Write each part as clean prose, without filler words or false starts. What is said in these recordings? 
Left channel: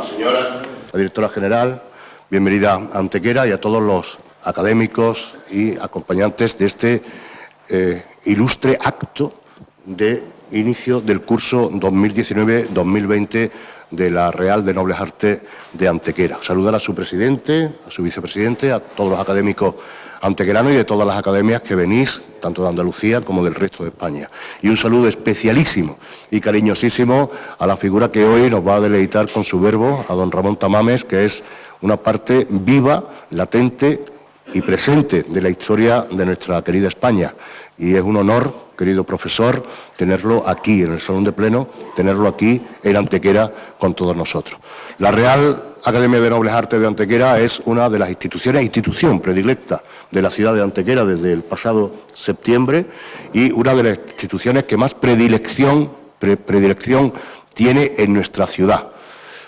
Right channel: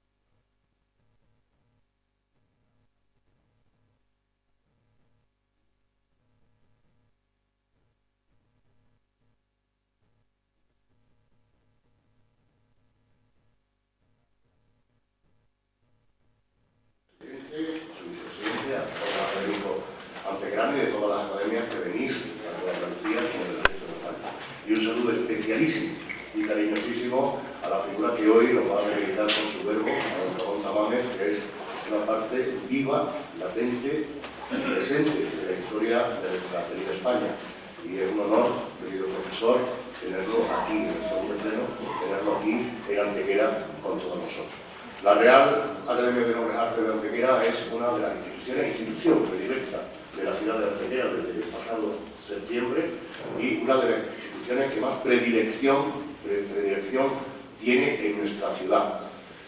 Señorísimas señoras, la directora general, bienvenida a Antequera, y a todos los académicos y acompañantes de este ilustre acto de inicio del curso 2019-2020 de la Real de Nobles Artes de Antequera. Saludar a su presidente, a su vicepresidente, a todos los académicos antequeranos y de todas las academias que venís, tanto de Andalucía como del resto de España. Y un saludo especialísimo y cariñosísimo a la figura que hoy nos va a deleitar con su verbo, a don Ramón Tamames, que es una parte viva, latente y presente de la historia de nuestra querida España. Y es un honor, querido profesor, tenerlo aquí en el Salón de Pleno, tenerlo aquí en Antequera con todos nosotros. La Real Academia de Nobles Artes de Antequera es una de las institución predilecta de la ciudad de Antequera desde el pasado septiembre y una de las instituciones que más predilección tiene en nuestra ciudad.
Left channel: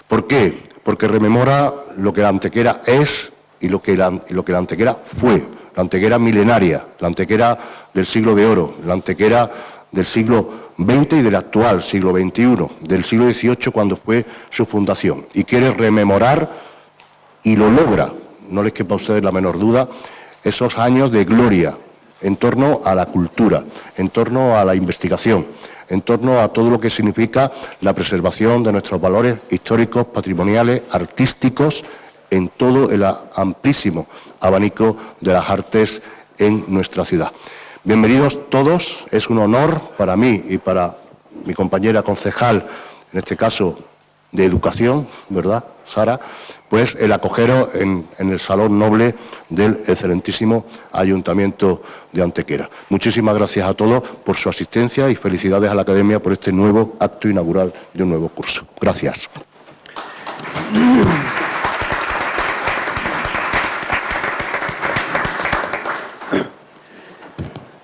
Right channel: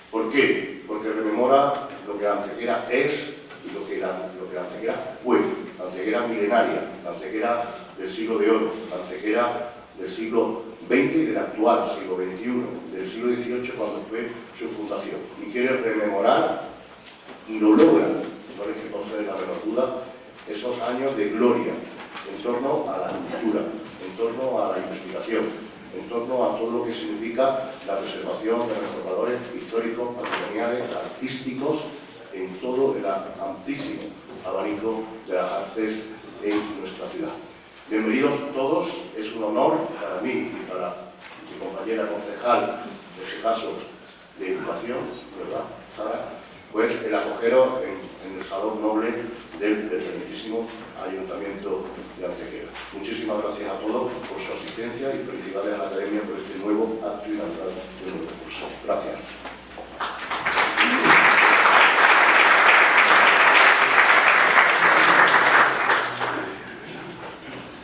¿Por qué? Porque rememora lo que la Antequera es y lo que la Antequera fue. La Antequera milenaria, la Antequera del siglo de oro, la Antequera del siglo XX y del actual siglo XXI, del siglo XVIII cuando fue su fundación. Y quiere rememorar, y lo logra, no les quepa a ustedes la menor duda, esos años de gloria en torno a la cultura, en torno a la investigación, en torno a todo lo que significa la preservación de nuestros valores históricos, patrimoniales, artísticos, en todo el amplísimo abanico de las artes en nuestra ciudad. Bienvenidos todos, es un honor para mí y para mi compañera concejal, en este caso de Educación, ¿verdad, Sara? Pues el acogeros en el Salón Noble del excelentísimo Ayuntamiento de Antequera. Muchísimas gracias a todos por su asistencia y felicidades a la Academia por este nuevo acto inaugural de un nuevo curso. Gracias.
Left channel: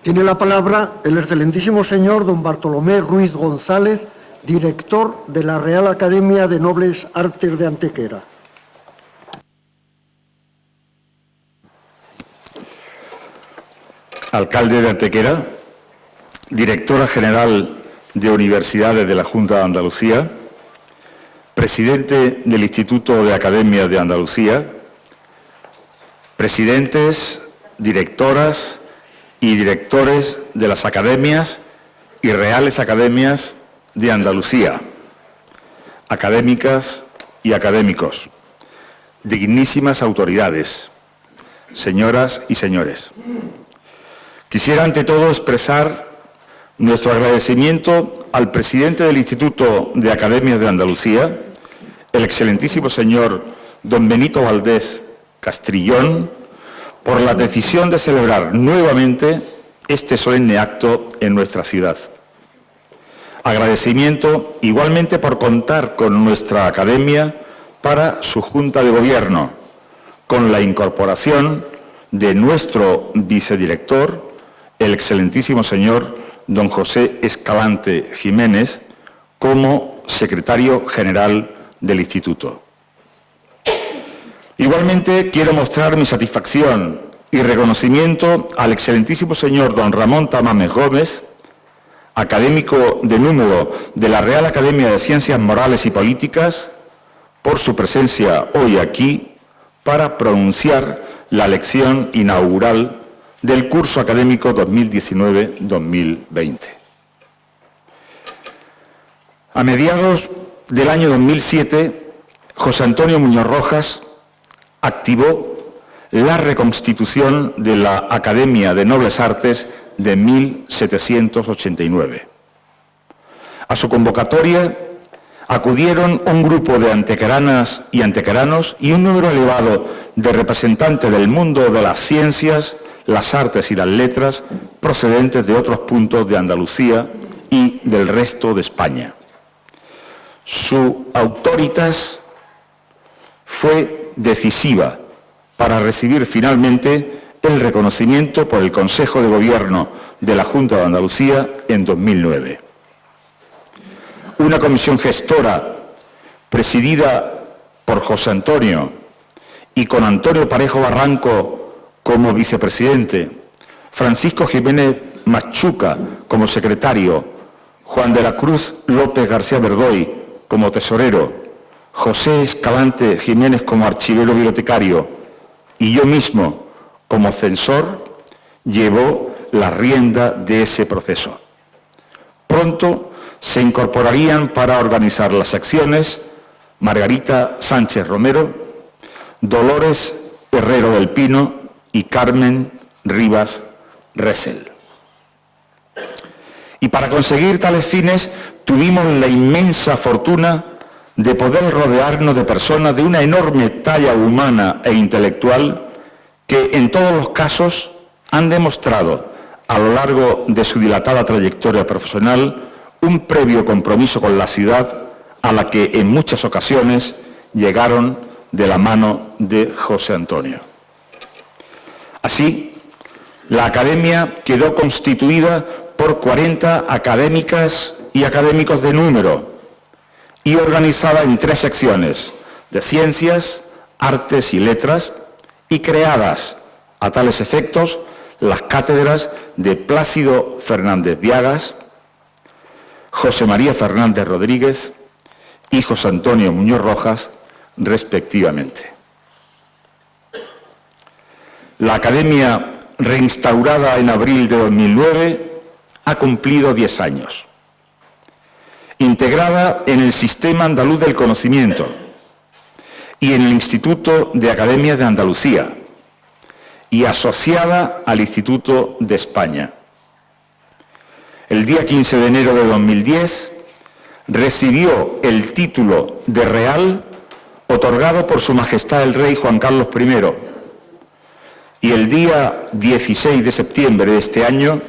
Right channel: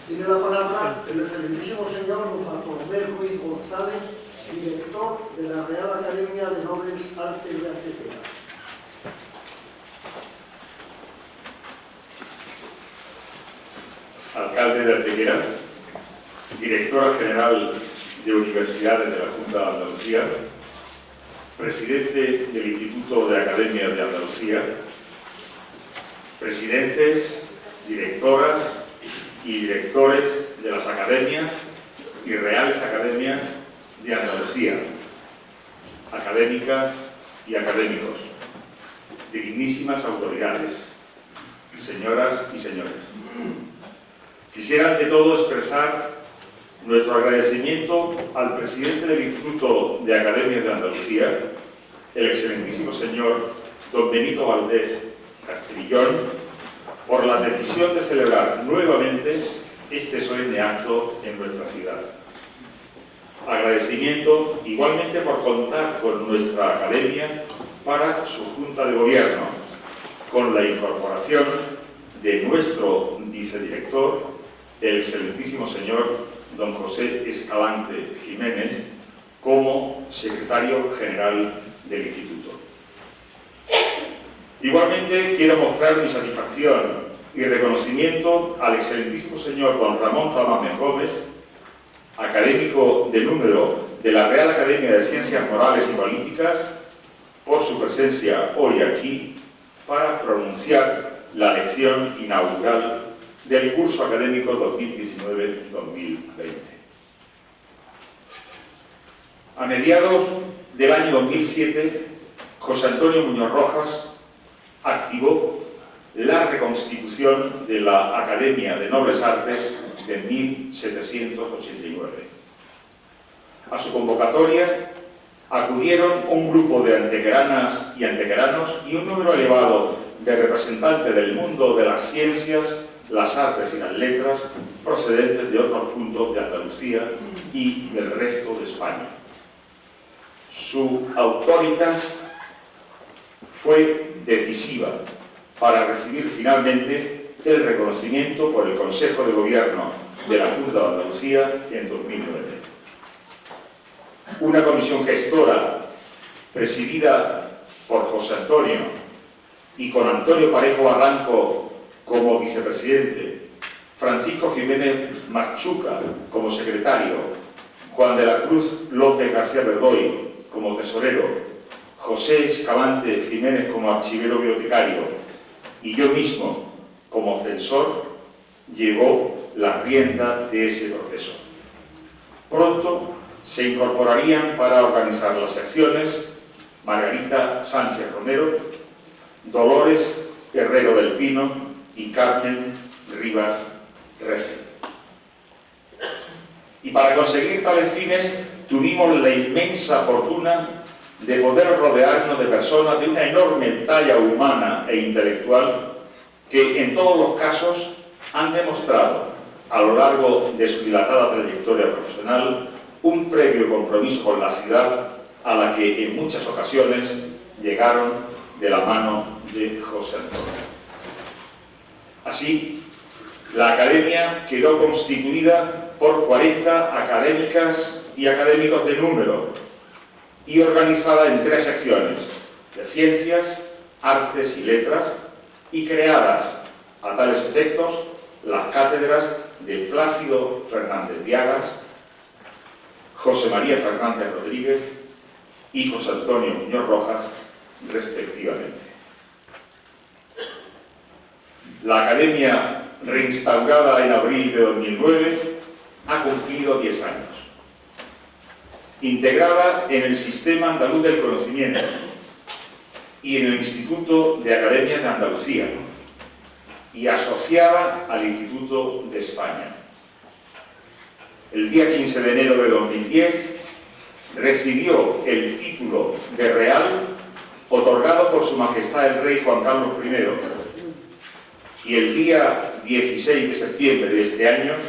Tiene la palabra el excelentísimo señor don Bartolomé Ruiz González, director de la Real Academia de Nobles Artes de Antequera. Alcalde de Antequera, directora general de Universidades de la Junta de Andalucía, presidente del Instituto de Academias de Andalucía, presidentes, directoras y directores de las academias y reales academias de Andalucía, académicas y académicos, dignísimas autoridades, señoras y señores. Quisiera ante todo expresar nuestro agradecimiento al presidente del Instituto de Academias de Andalucía, el excelentísimo señor don Benito Valdés Castrillón, por la decisión de celebrar nuevamente este solemne acto en nuestra ciudad. Agradecimiento igualmente por contar con nuestra Academia para su Junta de Gobierno, con la incorporación de nuestro vicedirector, el excelentísimo señor don José Escalante Jiménez, como secretario general del Instituto. Igualmente quiero mostrar mi satisfacción y reconocimiento al excelentísimo señor don Ramón Tamames Gómez, académico de número de la Real Academia de Ciencias Morales y Políticas, por su presencia hoy aquí para pronunciar la lección inaugural del curso académico 2019-2020. A mediados del año 2007, José Antonio Muñoz Rojas activó la reconstitución de la Academia de Nobles Artes de 1789. A su convocatoria acudieron un grupo de antequeranas y antequeranos y un número elevado de representantes del mundo de las ciencias, las artes y las letras procedentes de otros puntos de Andalucía y del resto de España. Su autoritas fue decisiva para recibir finalmente el reconocimiento por el Consejo de Gobierno de la Junta de Andalucía en 2009. Una comisión gestora presidida por José Antonio y con Antonio Parejo Barranco como vicepresidente, Francisco Jiménez Machuca como secretario, Juan de la Cruz López García Verdoy como tesorero, José Escalante Jiménez como archivero bibliotecario y yo mismo como censor, llevó la rienda de ese proceso. Pronto se incorporarían para organizar las acciones Margarita Sánchez Romero, Dolores Herrero del Pino y Carmen Rivas Ressel. Y para conseguir tales fines tuvimos la inmensa fortuna de poder rodearnos de personas de una enorme talla humana e intelectual que en todos los casos han demostrado a lo largo de su dilatada trayectoria profesional un previo compromiso con la ciudad a la que en muchas ocasiones llegaron de la mano de José Antonio. Así, la Academia quedó constituida por 40 académicas y académicos de número y organizada en 3 secciones de Ciencias, Artes y Letras y creadas a tales efectos las cátedras de Plácido Fernández Viagas, José María Fernández Rodríguez y José Antonio Muñoz Rojas, respectivamente. La Academia, reinstaurada en abril de 2009, ha cumplido 10 años. Integrada en el Sistema Andaluz del Conocimiento y en el Instituto de Academia de Andalucía y asociada al Instituto de España. El día 15 de enero de 2010 recibió el título de Real otorgado por Su Majestad el Rey Juan Carlos I y el día 16 de septiembre de este año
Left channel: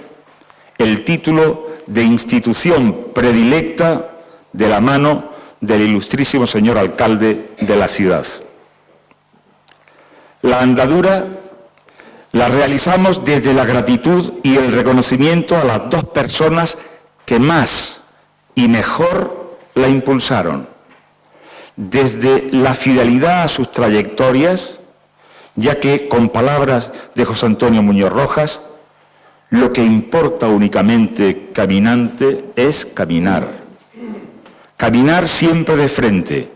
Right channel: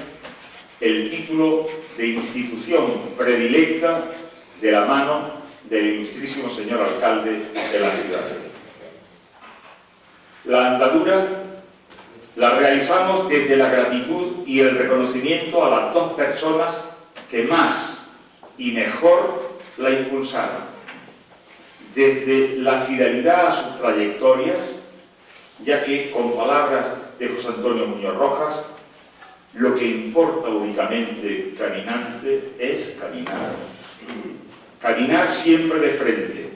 el título de Institución Predilecta de la mano del ilustrísimo señor alcalde de la ciudad. La andadura la realizamos desde la gratitud y el reconocimiento a las 2 personas que más y mejor la impulsaron, desde la fidelidad a sus trayectorias, ya que, con palabras de José Antonio Muñoz Rojas, lo que importa únicamente caminante es caminar. Caminar siempre de frente,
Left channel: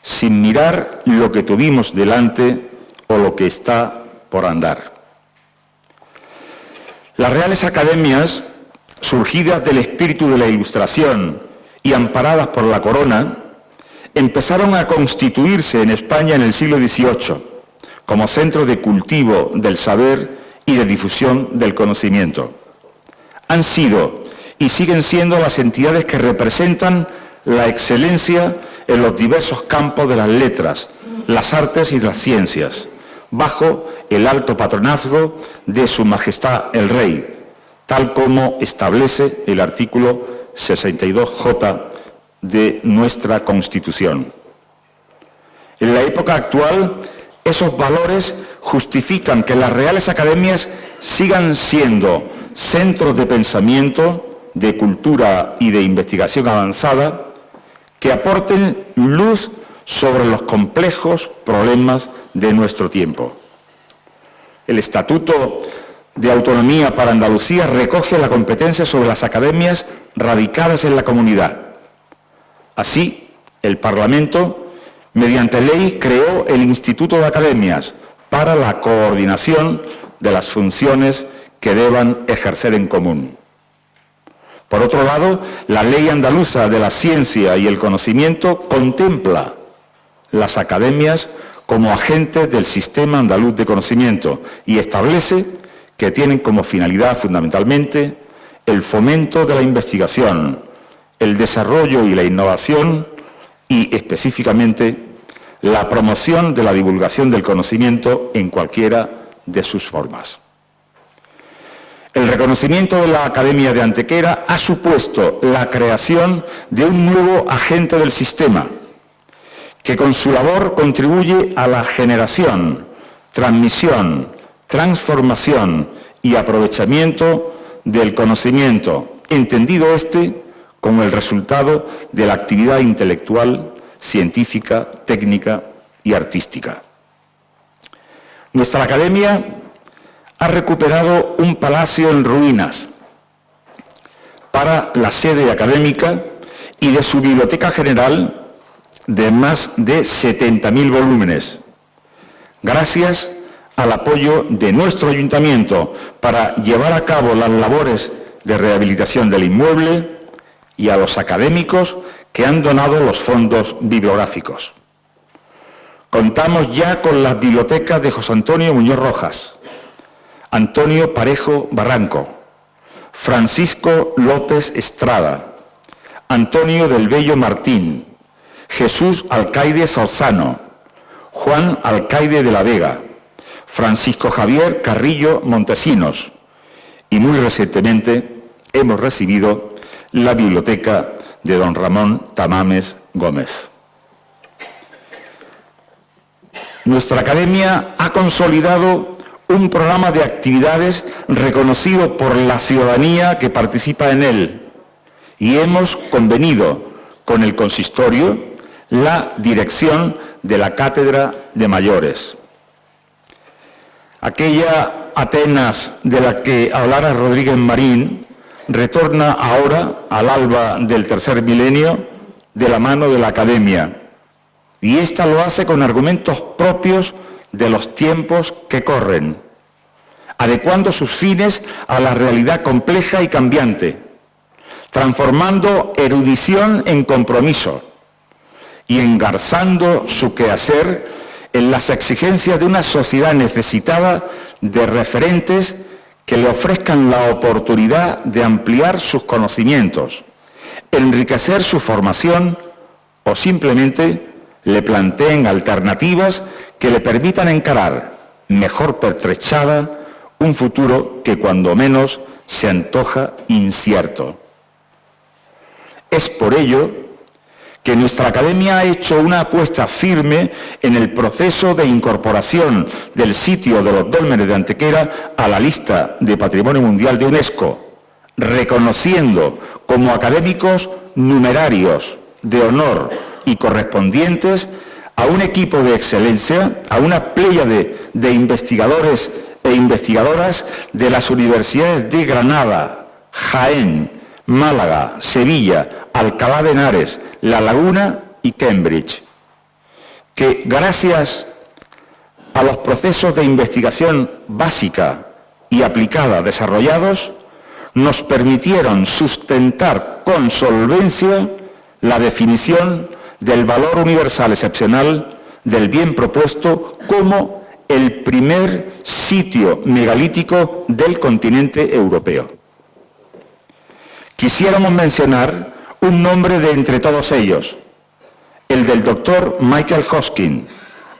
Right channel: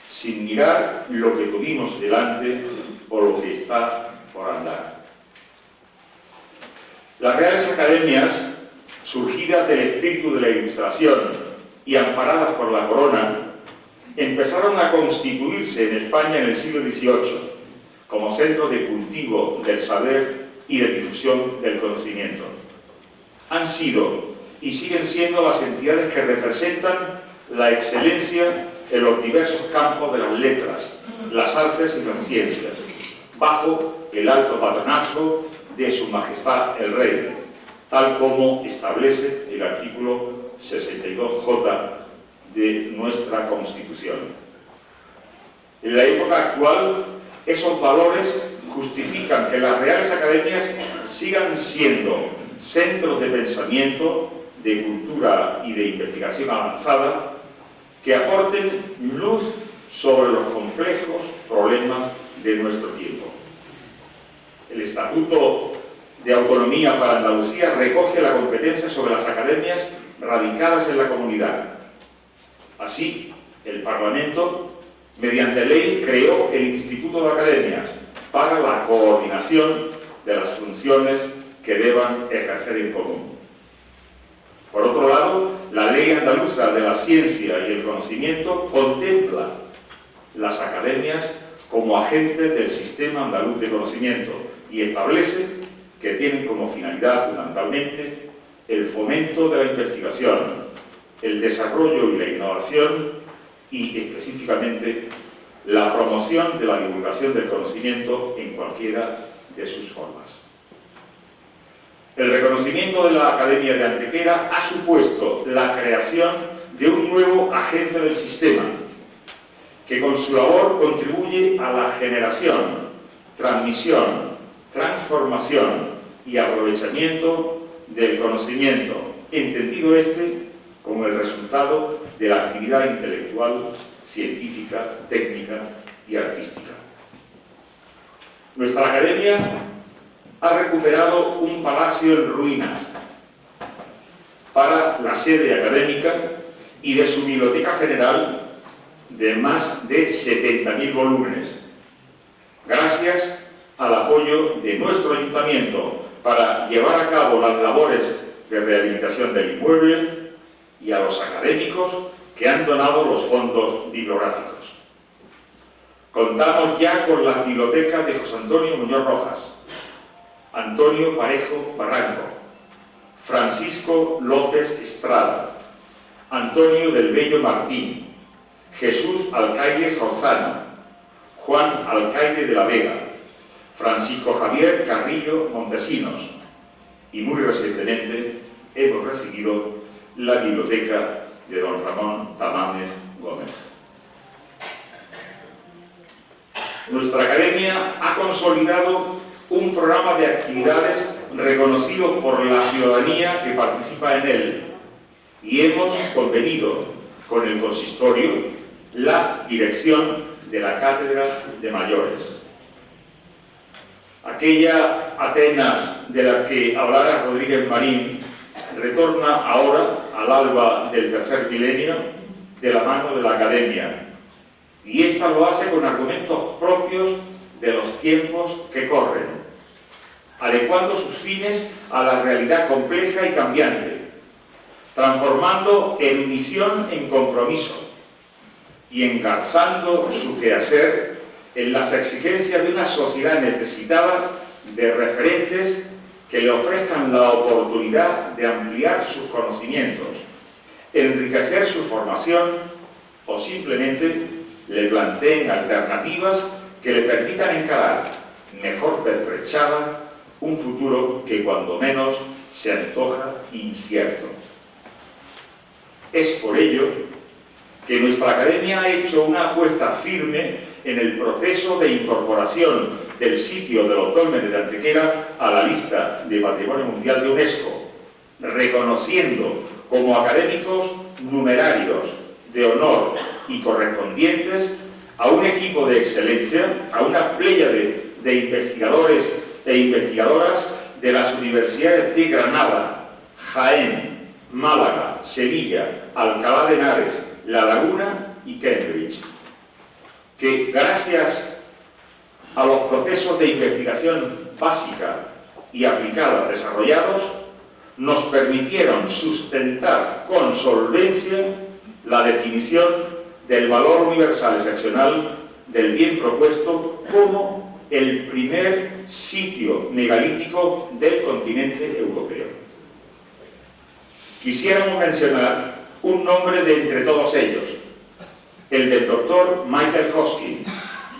sin mirar lo que tuvimos delante o lo que está por andar. Las Reales Academias, surgidas del espíritu de la Ilustración y amparadas por la Corona, empezaron a constituirse en España en el siglo XVIII como centro de cultivo del saber y de difusión del conocimiento. Han sido y siguen siendo las entidades que representan la excelencia en los diversos campos de las letras, las artes y las ciencias, bajo el alto patronazgo de Su Majestad el Rey, tal como establece el artículo 62J de nuestra Constitución. En la época actual, esos valores justifican que las Reales Academias sigan siendo centros de pensamiento, de cultura y de investigación avanzada que aporten luz sobre los complejos problemas de nuestro tiempo. El Estatuto de Autonomía para Andalucía recoge la competencia sobre las academias radicadas en la comunidad. Así, el Parlamento, mediante ley, creó el Instituto de Academias para la coordinación de las funciones que deban ejercer en común. Por otro lado, la Ley Andaluza de la Ciencia y el Conocimiento contempla las academias como agentes del Sistema Andaluz de Conocimiento y establece que tienen como finalidad fundamentalmente el fomento de la investigación, el desarrollo y la innovación y específicamente la promoción de la divulgación del conocimiento en cualquiera de sus formas. El reconocimiento de la Academia de Antequera ha supuesto la creación de un nuevo agente del sistema, que con su labor contribuye a la generación, transmisión, transformación y aprovechamiento del conocimiento, entendido como el resultado de la actividad intelectual, científica, técnica y artística. Nuestra Academia ha recuperado un palacio en ruinas para la sede académica y de su biblioteca general de más de 70.000 volúmenes, gracias al apoyo de nuestro ayuntamiento para llevar a cabo las labores de rehabilitación del inmueble y a los académicos que han donado los fondos bibliográficos. Contamos ya con las bibliotecas de José Antonio Muñoz Rojas, Antonio Parejo Barranco, Francisco López Estrada, Antonio del Bello Martín, Jesús Alcaide Solzano, Juan Alcaide de la Vega, Francisco Javier Carrillo Montesinos, y muy recientemente hemos recibido la biblioteca de don Ramón Tamames Gómez. Nuestra academia ha consolidado un programa de actividades reconocido por la ciudadanía que participa en él y hemos convenido con el consistorio la dirección de la Cátedra de Mayores. Aquella Atenas de la que hablara Rodríguez Marín retorna ahora al alba del tercer milenio de la mano de la Academia, y ésta lo hace con argumentos propios de los tiempos que corren, adecuando sus fines a la realidad compleja y cambiante, transformando erudición en compromiso y engarzando su quehacer en las exigencias de una sociedad necesitada de referentes que le ofrezcan la oportunidad de ampliar sus conocimientos, enriquecer su formación o simplemente le planteen alternativas que le permitan encarar, mejor pertrechada, un futuro que cuando menos se antoja incierto. Es por ello que nuestra Academia ha hecho una apuesta firme en el proceso de incorporación del sitio de los Dólmenes de Antequera a la lista de Patrimonio Mundial de UNESCO, reconociendo como académicos numerarios de honor y correspondientes a un equipo de excelencia, a una pléyade de investigadores e investigadoras de las universidades de Granada, Jaén, Málaga, Sevilla, Alcalá de Henares, La Laguna y Cambridge, que gracias a los procesos de investigación básica y aplicada desarrollados, nos permitieron sustentar con solvencia la definición del valor universal excepcional del bien propuesto como el primer sitio megalítico del continente europeo. Quisiéramos mencionar un nombre de entre todos ellos, el del doctor Michael Hoskin,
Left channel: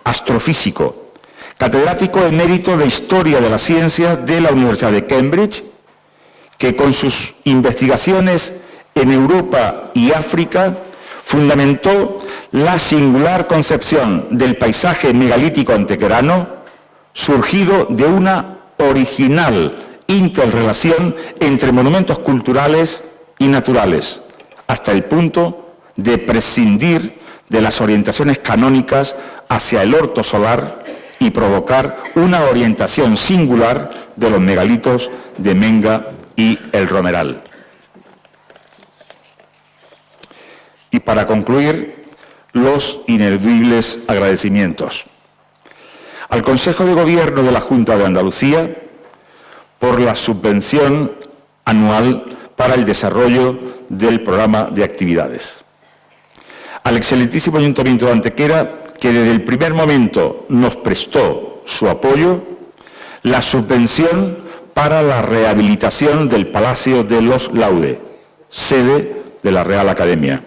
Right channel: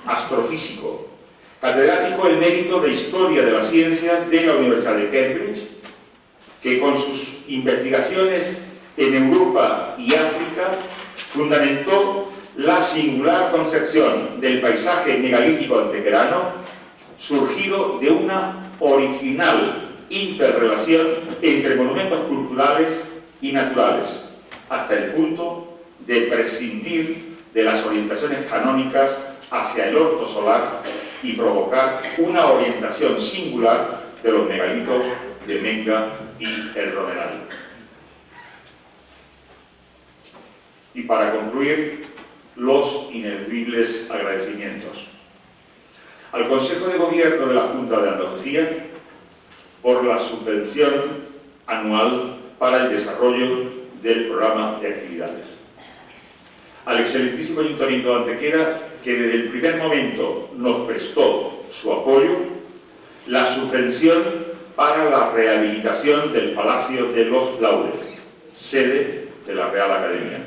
astrofísico, catedrático emérito de Historia de la Ciencia de la Universidad de Cambridge, que con sus investigaciones en Europa y África fundamentó la singular concepción del paisaje megalítico antequerano, surgido de una original interrelación entre monumentos culturales y naturales, hasta el punto de prescindir de las orientaciones canónicas hacia el orto solar y provocar una orientación singular de los megalitos de Menga y El Romeral. Y para concluir, los ineludibles agradecimientos al Consejo de Gobierno de la Junta de Andalucía por la subvención anual para el desarrollo del programa de actividades, al excelentísimo Ayuntamiento de Antequera, que desde el primer momento nos prestó su apoyo, la subvención para la rehabilitación del Palacio de los Laude, sede de la Real Academia,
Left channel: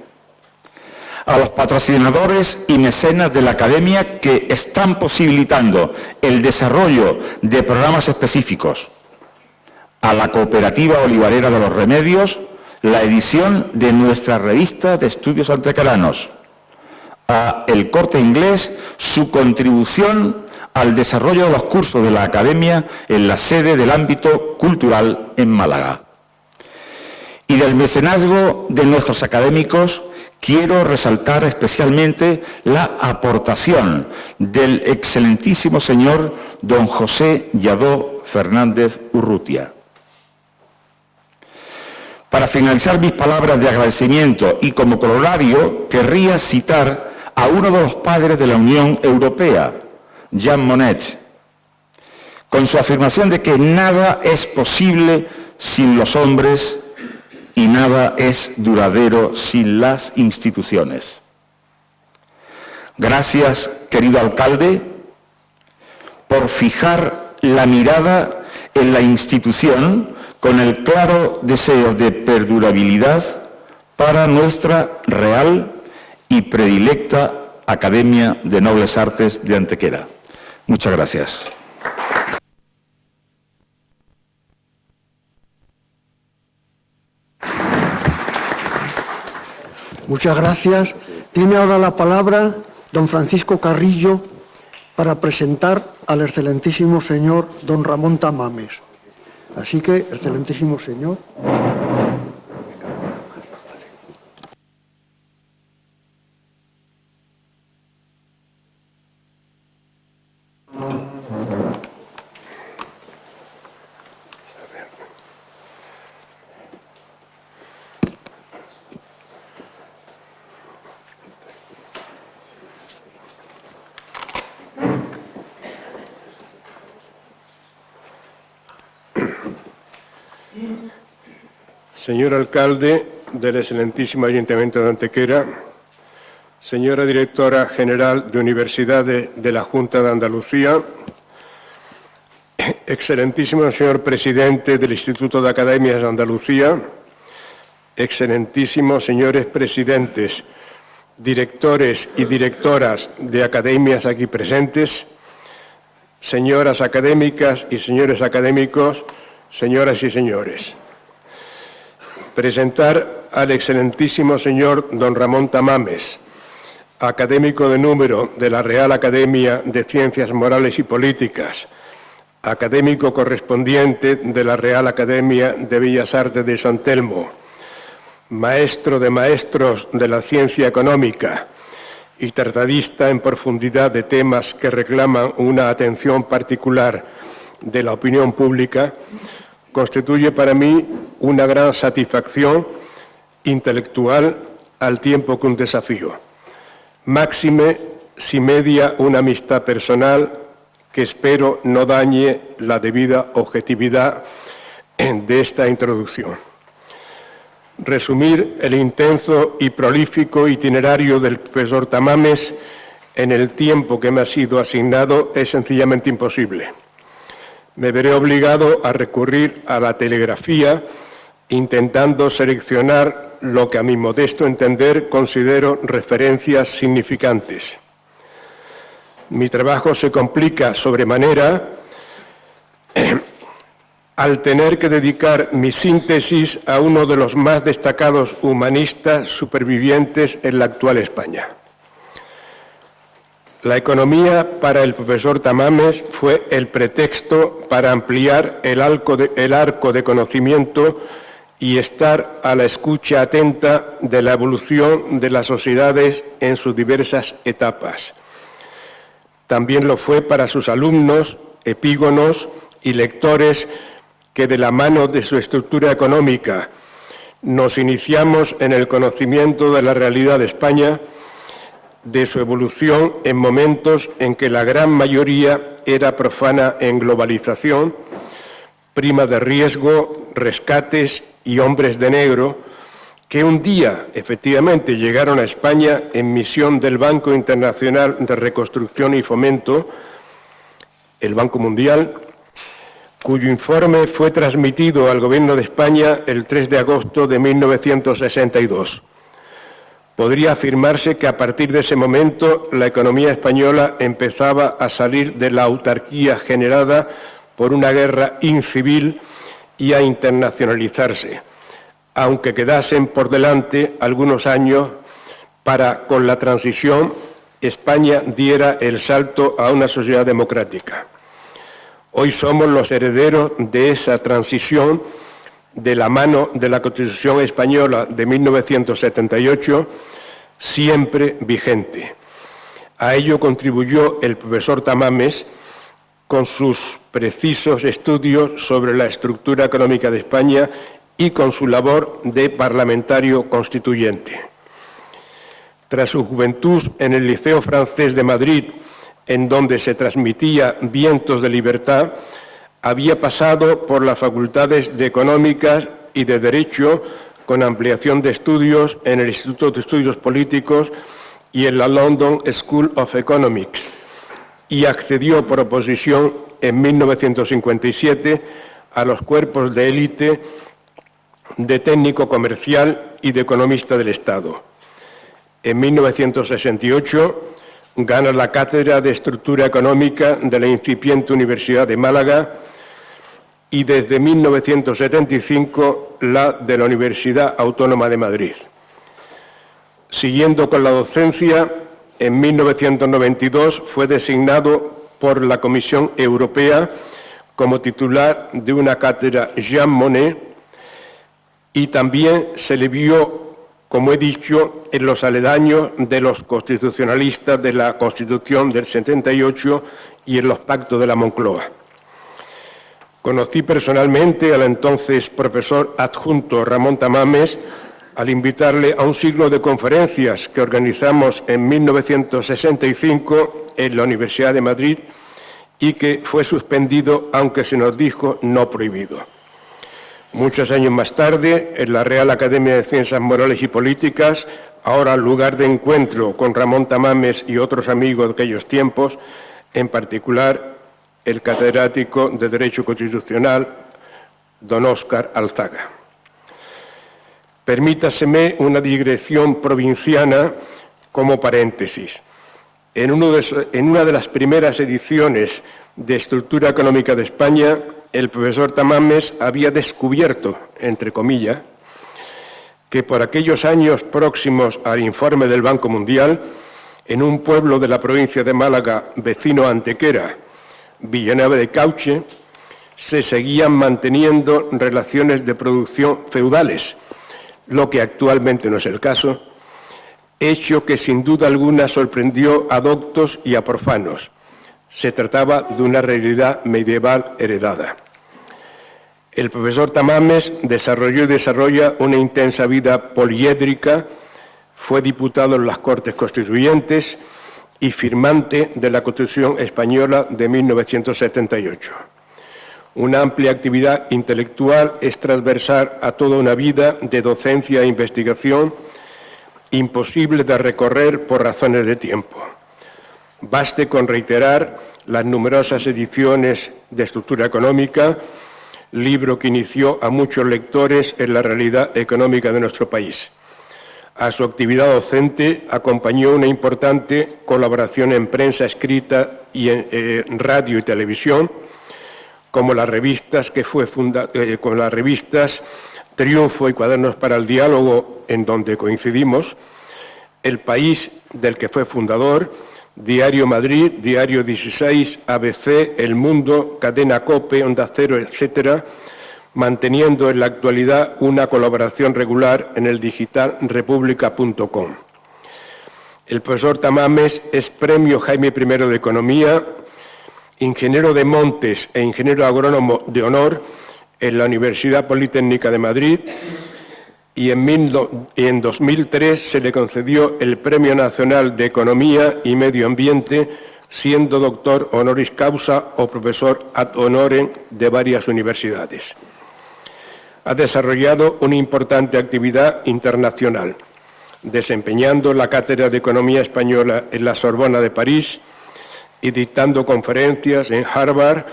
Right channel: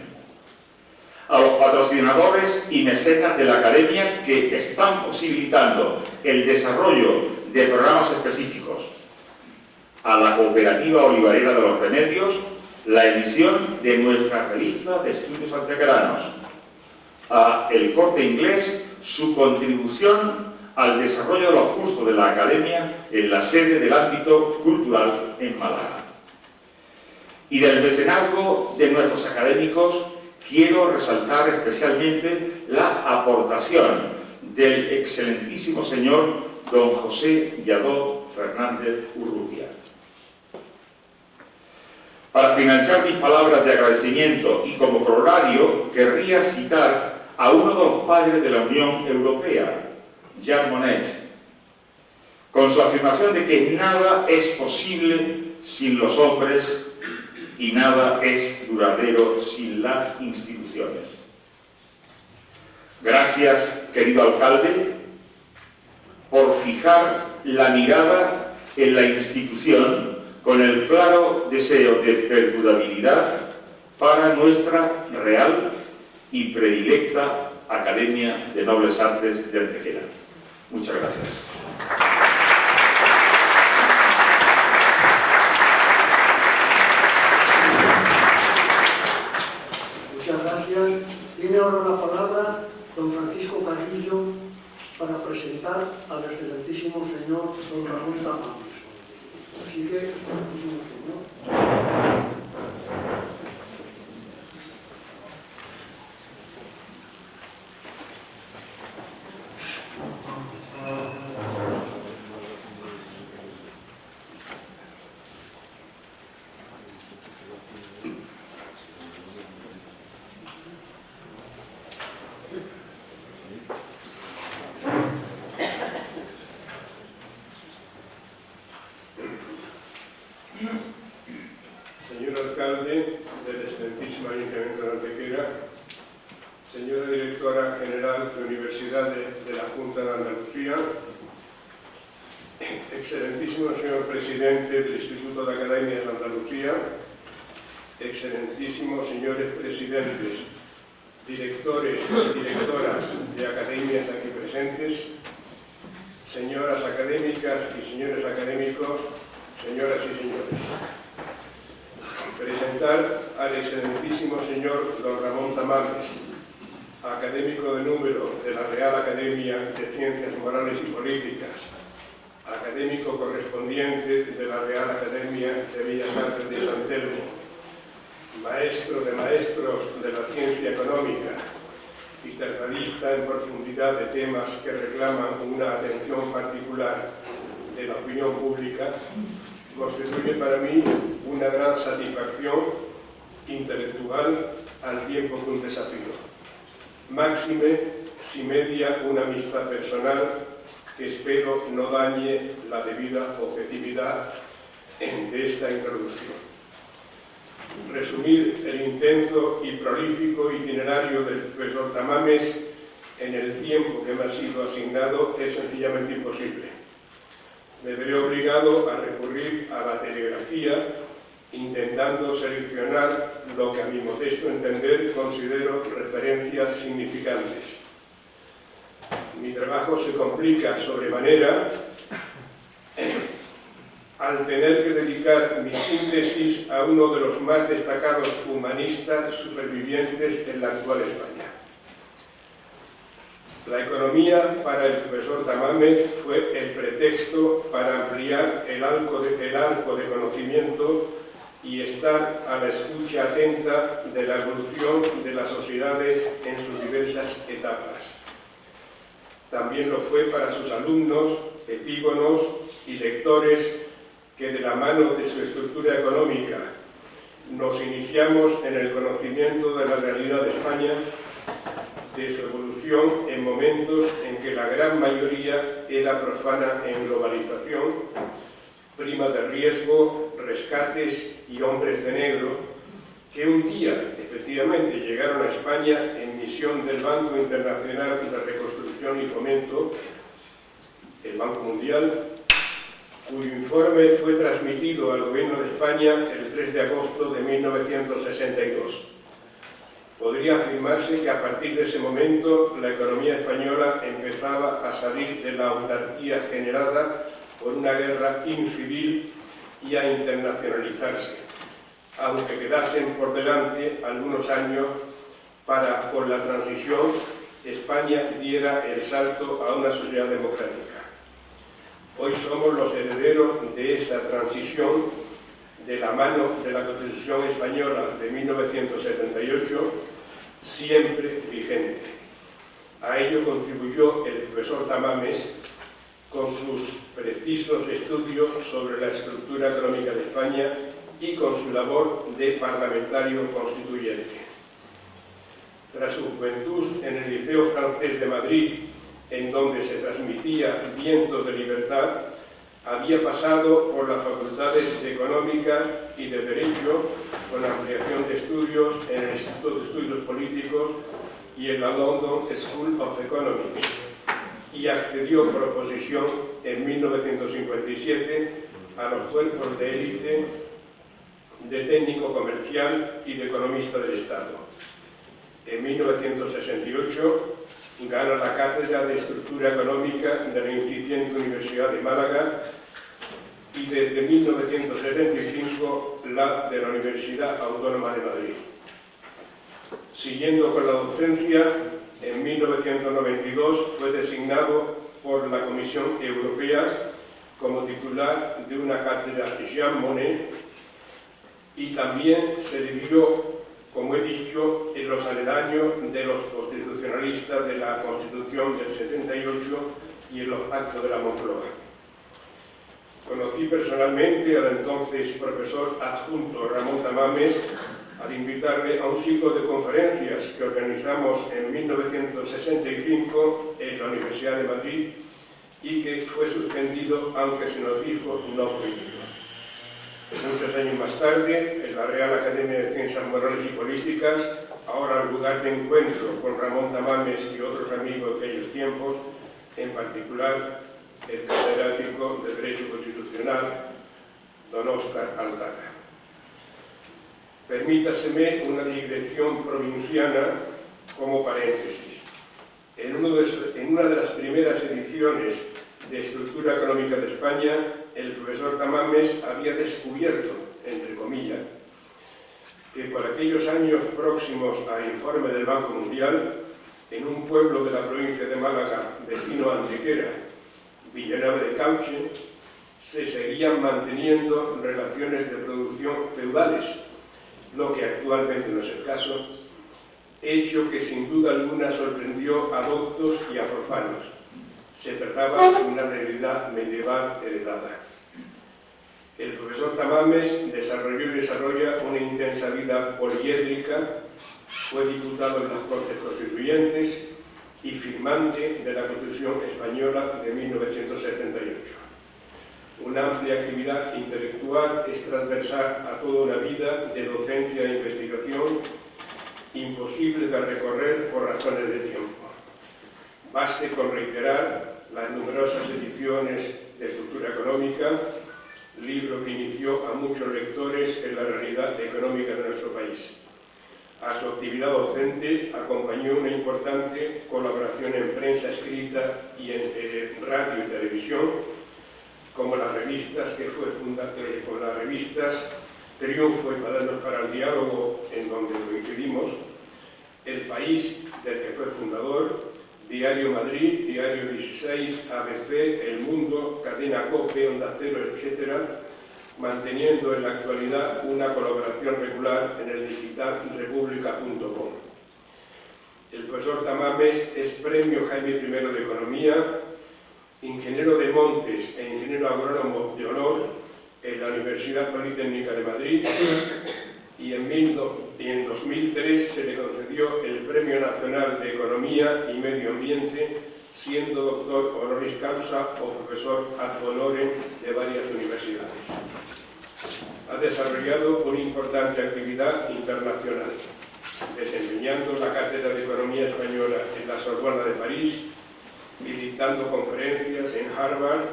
a los patrocinadores y mecenas de la Academia que están posibilitando el desarrollo de programas específicos, a la Cooperativa Olivarera de los Remedios, la edición de nuestra revista de estudios antequeranos, a El Corte Inglés, su contribución al desarrollo de los cursos de la Academia en la sede del ámbito cultural en Málaga. Y del mecenazgo de nuestros académicos quiero resaltar especialmente la aportación del excelentísimo señor don José Lladó Fernández Urrutia. Para finalizar mis palabras de agradecimiento y como corolario, querría citar a uno de los padres de la Unión Europea, Jean Monnet, con su afirmación de que nada es posible sin los hombres y nada es duradero sin las instituciones. Gracias, querido alcalde, por fijar la mirada en la institución con el claro deseo de perdurabilidad para nuestra real y predilecta Academia de Nobles Artes de Antequera. Muchas gracias. Muchas gracias. Tiene ahora la palabra don Francisco Carrillo para presentar al excelentísimo señor don Ramón Tamames. Así que, excelentísimo señor. Señor alcalde del excelentísimo Ayuntamiento de Antequera, señora directora general de Universidades de la Junta de Andalucía, excelentísimo señor presidente del Instituto de Academias de Andalucía, excelentísimos señores presidentes, directores y directoras de academias aquí presentes, señoras académicas y señores académicos, señoras y señores. Presentar al excelentísimo señor don Ramón Tamames, académico de número de la Real Academia de Ciencias Morales y Políticas, académico correspondiente de la Real Academia de Bellas Artes de San Telmo, maestro de maestros de la ciencia económica y tratadista en profundidad de temas que reclaman una atención particular de la opinión pública, constituye para mí una gran satisfacción intelectual al tiempo que un desafío. Máxime si media una amistad personal que espero no dañe la debida objetividad de esta introducción. Resumir el intenso y prolífico itinerario del profesor Tamames en el tiempo que me ha sido asignado es sencillamente imposible. Me veré obligado a recurrir a la telegrafía intentando seleccionar lo que a mi modesto entender considero referencias significantes. Mi trabajo se complica sobremanera al tener que dedicar mi síntesis a uno de los más destacados humanistas supervivientes en la actual España. La economía para el profesor Tamames fue el pretexto para ampliar el arco de conocimiento y estar a la escucha atenta de la evolución de las sociedades en sus diversas etapas. También lo fue para sus alumnos, epígonos y lectores que de la mano de su estructura económica nos iniciamos en el conocimiento de la realidad de España, de su evolución en momentos en que la gran mayoría era profana en globalización, prima de riesgo, rescates y hombres de negro, que un día efectivamente llegaron a España en misión del Banco Internacional de Reconstrucción y Fomento, el Banco Mundial, cuyo informe fue transmitido al Gobierno de España el 3 de agosto de 1962. Podría afirmarse que a partir de ese momento la economía española empezaba a salir de la autarquía generada por una guerra incivil y a internacionalizarse, aunque quedasen por delante algunos años para, con la transición, España diera el salto a una sociedad democrática. Hoy somos los herederos de esa transición de la mano de la Constitución Española de 1978, siempre vigente. A ello contribuyó el profesor Tamames con sus precisos estudios sobre la estructura económica de España y con su labor de parlamentario constituyente. Tras su juventud en el Liceo Francés de Madrid, en donde se transmitía Vientos de Libertad, había pasado por las facultades de Económicas y de Derecho, con ampliación de estudios en el Instituto de Estudios Políticos y en la London School of Economics, y accedió por oposición en 1957 a los cuerpos de élite de técnico comercial y de economista del Estado. En 1968 gana la cátedra de Estructura Económica de la incipiente Universidad de Málaga y desde 1975 la de la Universidad Autónoma de Madrid. Siguiendo con la docencia, en 1992 fue designado por la Comisión Europea como titular de una cátedra Jean Monnet y también se le vio, como he dicho, en los aledaños de los constitucionalistas de la Constitución del 78 y en los pactos de la Moncloa. Conocí personalmente al entonces profesor adjunto Ramón Tamames al invitarle a un ciclo de conferencias que organizamos en 1965 en la Universidad de Madrid y que fue suspendido, aunque se nos dijo no prohibido. Muchos años más tarde, en la Real Academia de Ciencias Morales y Políticas, ahora lugar de encuentro con Ramón Tamames y otros amigos de aquellos tiempos, en particular el catedrático de Derecho Constitucional, don Óscar Alzaga. Permítaseme una digresión provinciana como paréntesis. En una de las primeras ediciones de Estructura Económica de España, el profesor Tamames había descubierto, entre comillas, que por aquellos años próximos al informe del Banco Mundial, en un pueblo de la provincia de Málaga, vecino a Antequera, Villanueva de Cauche, se seguían manteniendo relaciones de producción feudales, lo que actualmente no es el caso, hecho que sin duda alguna sorprendió a doctos y a profanos. Se trataba de una realidad medieval heredada. El profesor Tamames desarrolló y desarrolla una intensa vida poliédrica, fue diputado en las Cortes Constituyentes y firmante de la Constitución Española de 1978. Una amplia actividad intelectual es transversal a toda una vida de docencia e investigación, imposible de recorrer por razones de tiempo. Baste con reiterar las numerosas ediciones de Estructura Económica, libro que inició a muchos lectores en la realidad económica de nuestro país. A su actividad docente acompañó una importante colaboración en prensa escrita y en radio y televisión, como las revistas Triunfo y Cuadernos para el Diálogo, en donde coincidimos, El País, del que fue fundador, Diario Madrid, Diario 16, ABC, El Mundo, Cadena COPE, Onda Cero, etc., manteniendo en la actualidad una colaboración regular en el digital república.com. El profesor Tamames es Premio Jaime I de Economía, ingeniero de montes e ingeniero agrónomo de honor en la Universidad Politécnica de Madrid, y en 2003 se le concedió el Premio Nacional de Economía y Medio Ambiente, siendo doctor honoris causa o profesor ad honorem de varias universidades. Ha desarrollado una importante actividad internacional, desempeñando la Cátedra de Economía Española en la Sorbona de París y dictando conferencias en Harvard,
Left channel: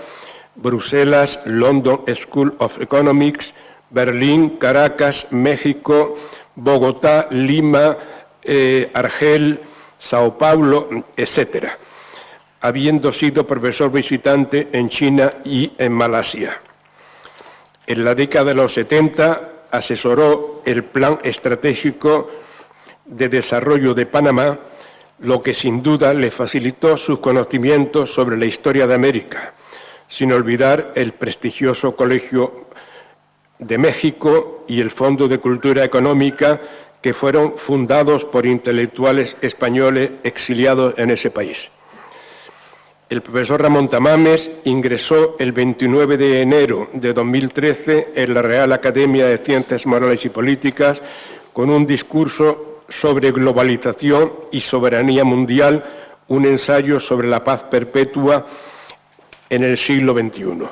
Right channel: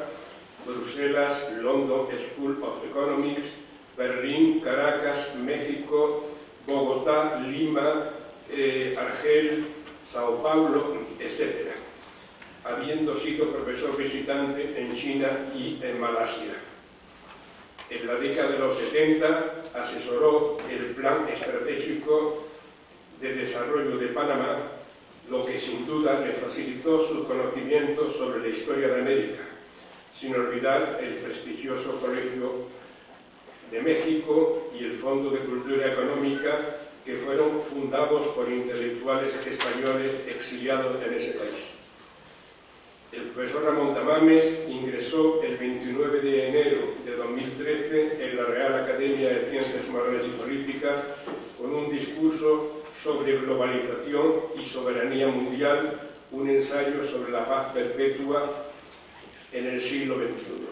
Bruselas, London School of Economics, Berlín, Caracas, México, Bogotá, Lima, Argel, Sao Paulo, etc., habiendo sido profesor visitante en China y en Malasia. En la década de los 70 asesoró el Plan Estratégico de Desarrollo de Panamá, lo que sin duda le facilitó sus conocimientos sobre la historia de América, sin olvidar el prestigioso Colegio de México y el Fondo de Cultura Económica, que fueron fundados por intelectuales españoles exiliados en ese país. El profesor Ramón Tamames ingresó el 29 de enero de 2013 en la Real Academia de Ciencias Morales y Políticas con un discurso sobre globalización y soberanía mundial, un ensayo sobre la paz perpetua en el siglo XXI.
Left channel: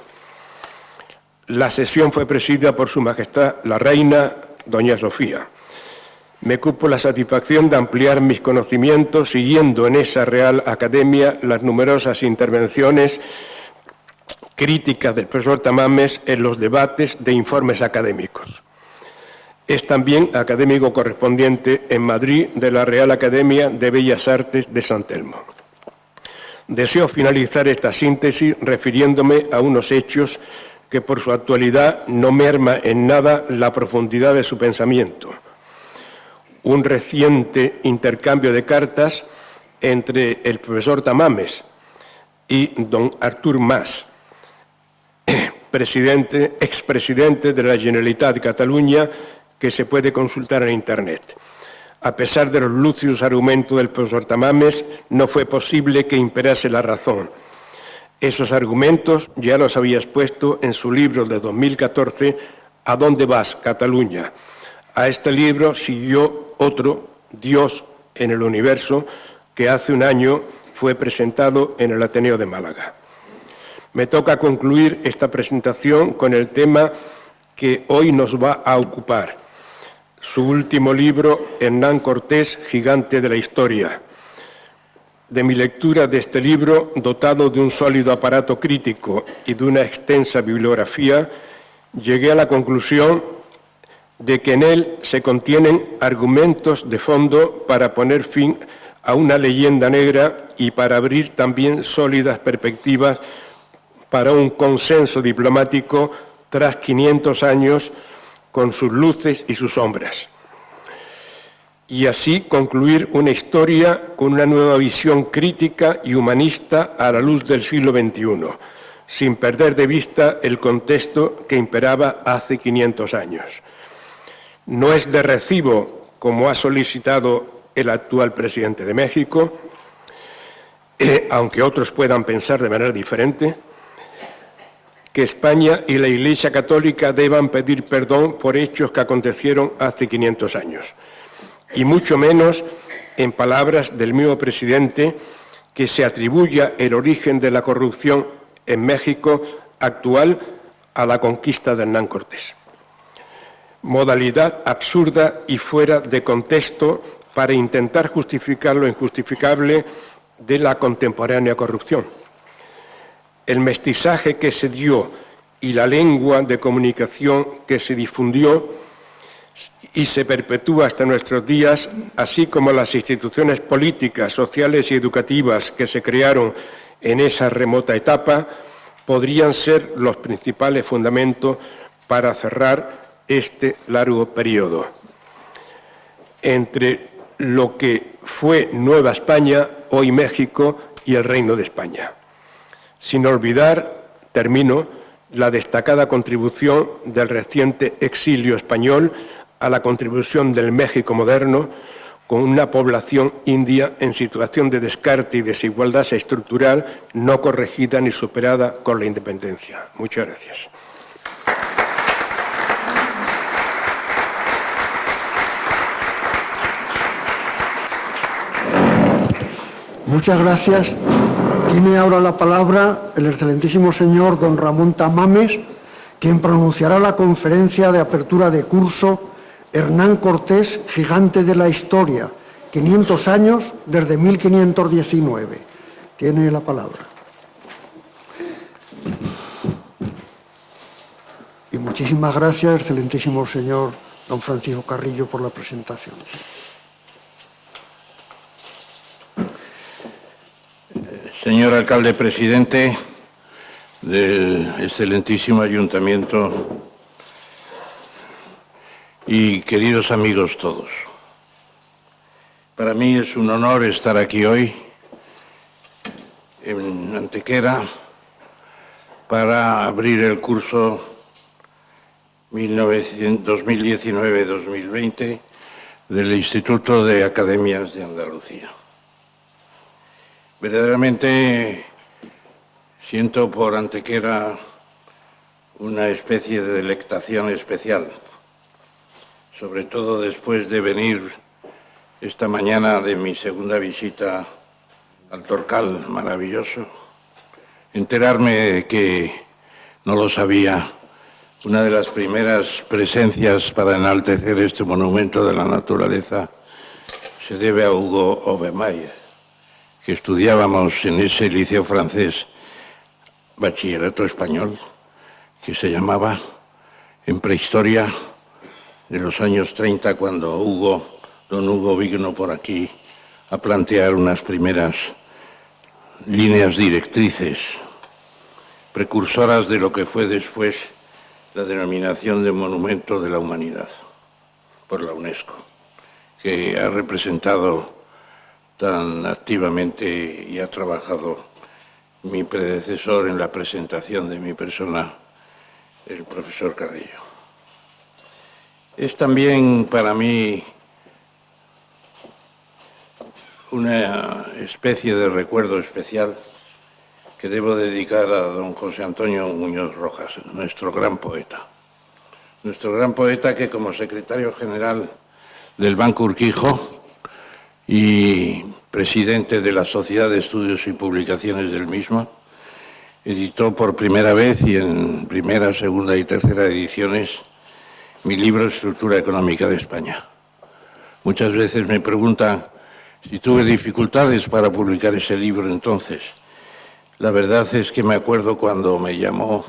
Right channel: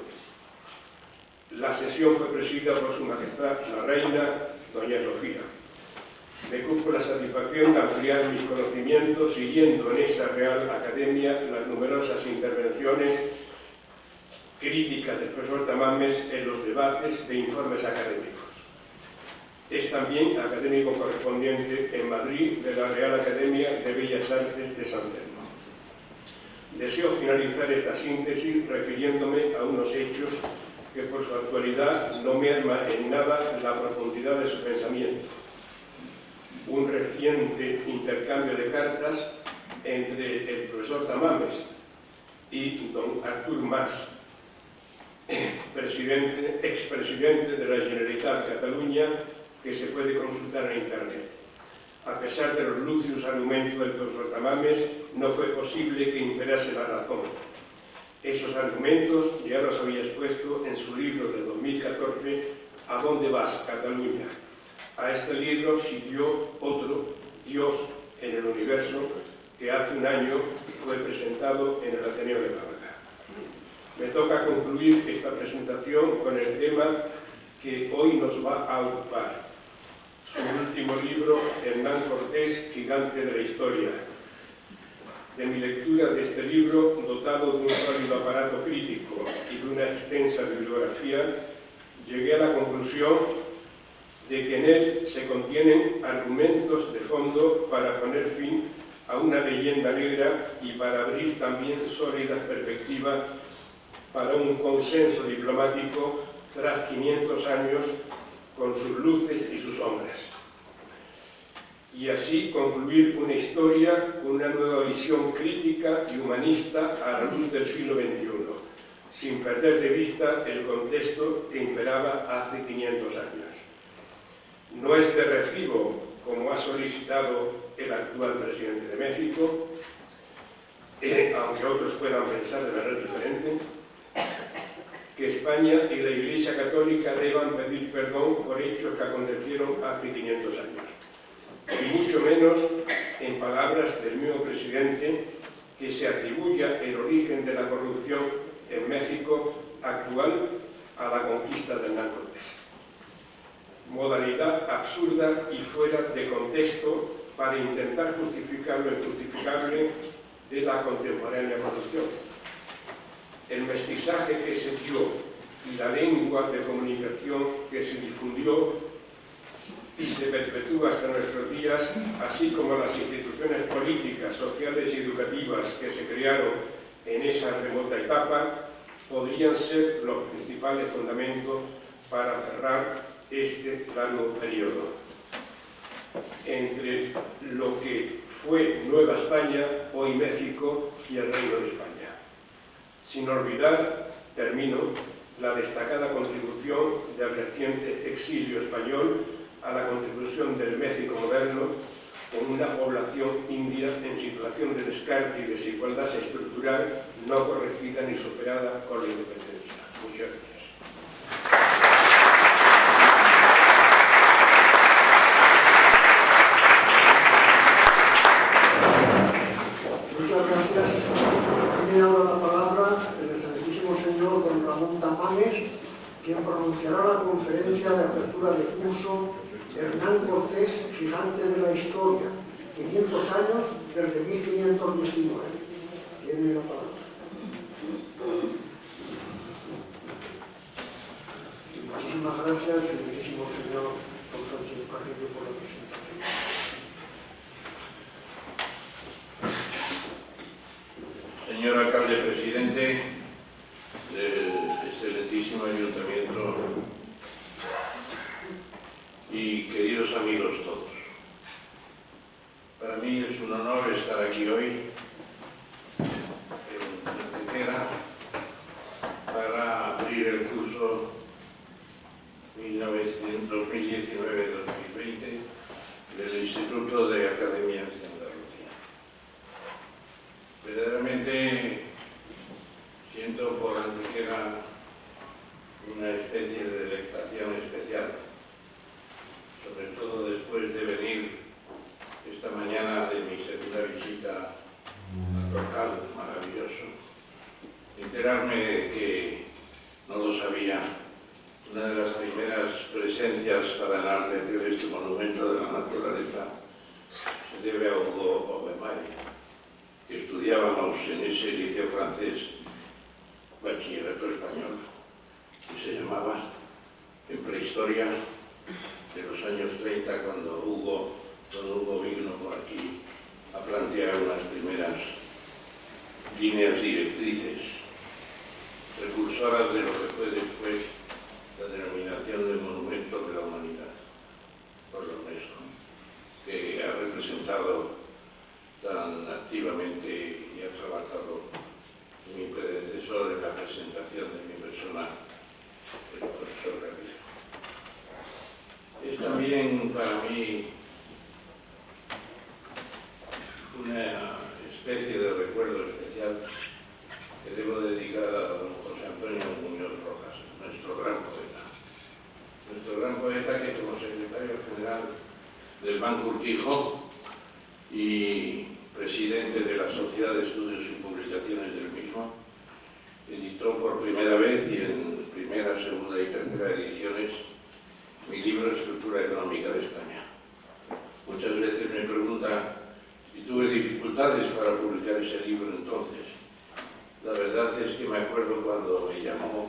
La sesión fue presidida por Su Majestad la Reina, doña Sofía. Me cupo la satisfacción de ampliar mis conocimientos siguiendo en esa Real Academia las numerosas intervenciones críticas del profesor Tamames en los debates de informes académicos. Es también académico correspondiente en Madrid de la Real Academia de Bellas Artes de San Telmo. Deseo finalizar esta síntesis refiriéndome a unos hechos que por su actualidad no merma en nada la profundidad de su pensamiento. Un reciente intercambio de cartas entre el profesor Tamames y don Artur Mas, expresidente de la Generalitat de Cataluña, que se puede consultar en Internet. A pesar de los lúcidos argumentos del profesor Tamames, no fue posible que imperase la razón. Esos argumentos ya los había expuesto en su libro de 2014, ¿A dónde vas, Cataluña? A este libro siguió otro, Dios en el universo, que hace un año fue presentado en el Ateneo de Málaga. Me toca concluir esta presentación con el tema que hoy nos va a ocupar. Su último libro, Hernán Cortés, Gigante de la Historia. De mi lectura de este libro, dotado de un sólido aparato crítico y de una extensa bibliografía, llegué a la conclusión de que en él se contienen argumentos de fondo para poner fin a una leyenda negra y para abrir también sólidas perspectivas para un consenso diplomático tras 500 años con sus luces y sus sombras. Y así concluir una historia con una nueva visión crítica y humanista a la luz del siglo XXI, sin perder de vista el contexto que imperaba hace 500 años. No es de recibo, como ha solicitado el actual presidente de México, aunque otros puedan pensar de manera diferente, que España y la Iglesia Católica deban pedir perdón por hechos que acontecieron hace 500 años. Y mucho menos, en palabras del mismo presidente, que se atribuya el origen de la corrupción en México actual a la conquista de Hernán Cortés. Modalidad absurda y fuera de contexto para intentar justificar lo injustificable de la contemporánea corrupción. El mestizaje que se dio y la lengua de comunicación que se difundió y se perpetúa hasta nuestros días, así como las instituciones políticas, sociales y educativas que se crearon en esa remota etapa, podrían ser los principales fundamentos para cerrar este largo periodo. Entre lo que fue Nueva España, hoy México y el Reino de España. Sin olvidar, termino, la destacada contribución del reciente exilio español a la contribución del México moderno, con una población india en situación de descarte y desigualdad estructural no corregida ni superada con la independencia. Muchas gracias. Muchas gracias. Tiene ahora la palabra el excelentísimo señor don Ramón Tamames, quien pronunciará la conferencia de apertura de curso Hernán Cortés, Gigante de la Historia, 500 años desde 1519. Tiene la palabra. Y muchísimas gracias, excelentísimo señor don Francisco Carrillo, por la presentación. Señor alcalde presidente del excelentísimo ayuntamiento y queridos amigos todos, para mí es un honor estar aquí hoy en Antequera para abrir el curso 2019-2020 del Instituto de Academias de Andalucía. Verdaderamente siento por Antequera una especie de delectación especial, sobre todo después de venir esta mañana de mi segunda visita al Torcal maravilloso, enterarme de que, no lo sabía, una de las primeras presencias para enaltecer este monumento de la naturaleza se debe a Hugo Obermayer, que estudiábamos en ese liceo francés, bachillerato español, que se llamaba, en prehistoria de los años 30, cuando don Hugo vino por aquí a plantear unas primeras líneas directrices, precursoras de lo que fue después la denominación de Monumento de la Humanidad por la UNESCO, que ha representado tan activamente y ha trabajado mi predecesor en la presentación de mi persona, el profesor Carrillo. Es también para mí una especie de recuerdo especial que debo dedicar a don José Antonio Muñoz Rojas, nuestro gran poeta. Nuestro gran poeta que, como secretario general del Banco Urquijo y presidente de la Sociedad de Estudios y Publicaciones del mismo, editó por primera vez y en primera, segunda y tercera ediciones mi libro Estructura Económica de España. Muchas veces me preguntan si tuve dificultades para publicar ese libro entonces. La verdad es que me acuerdo cuando me llamó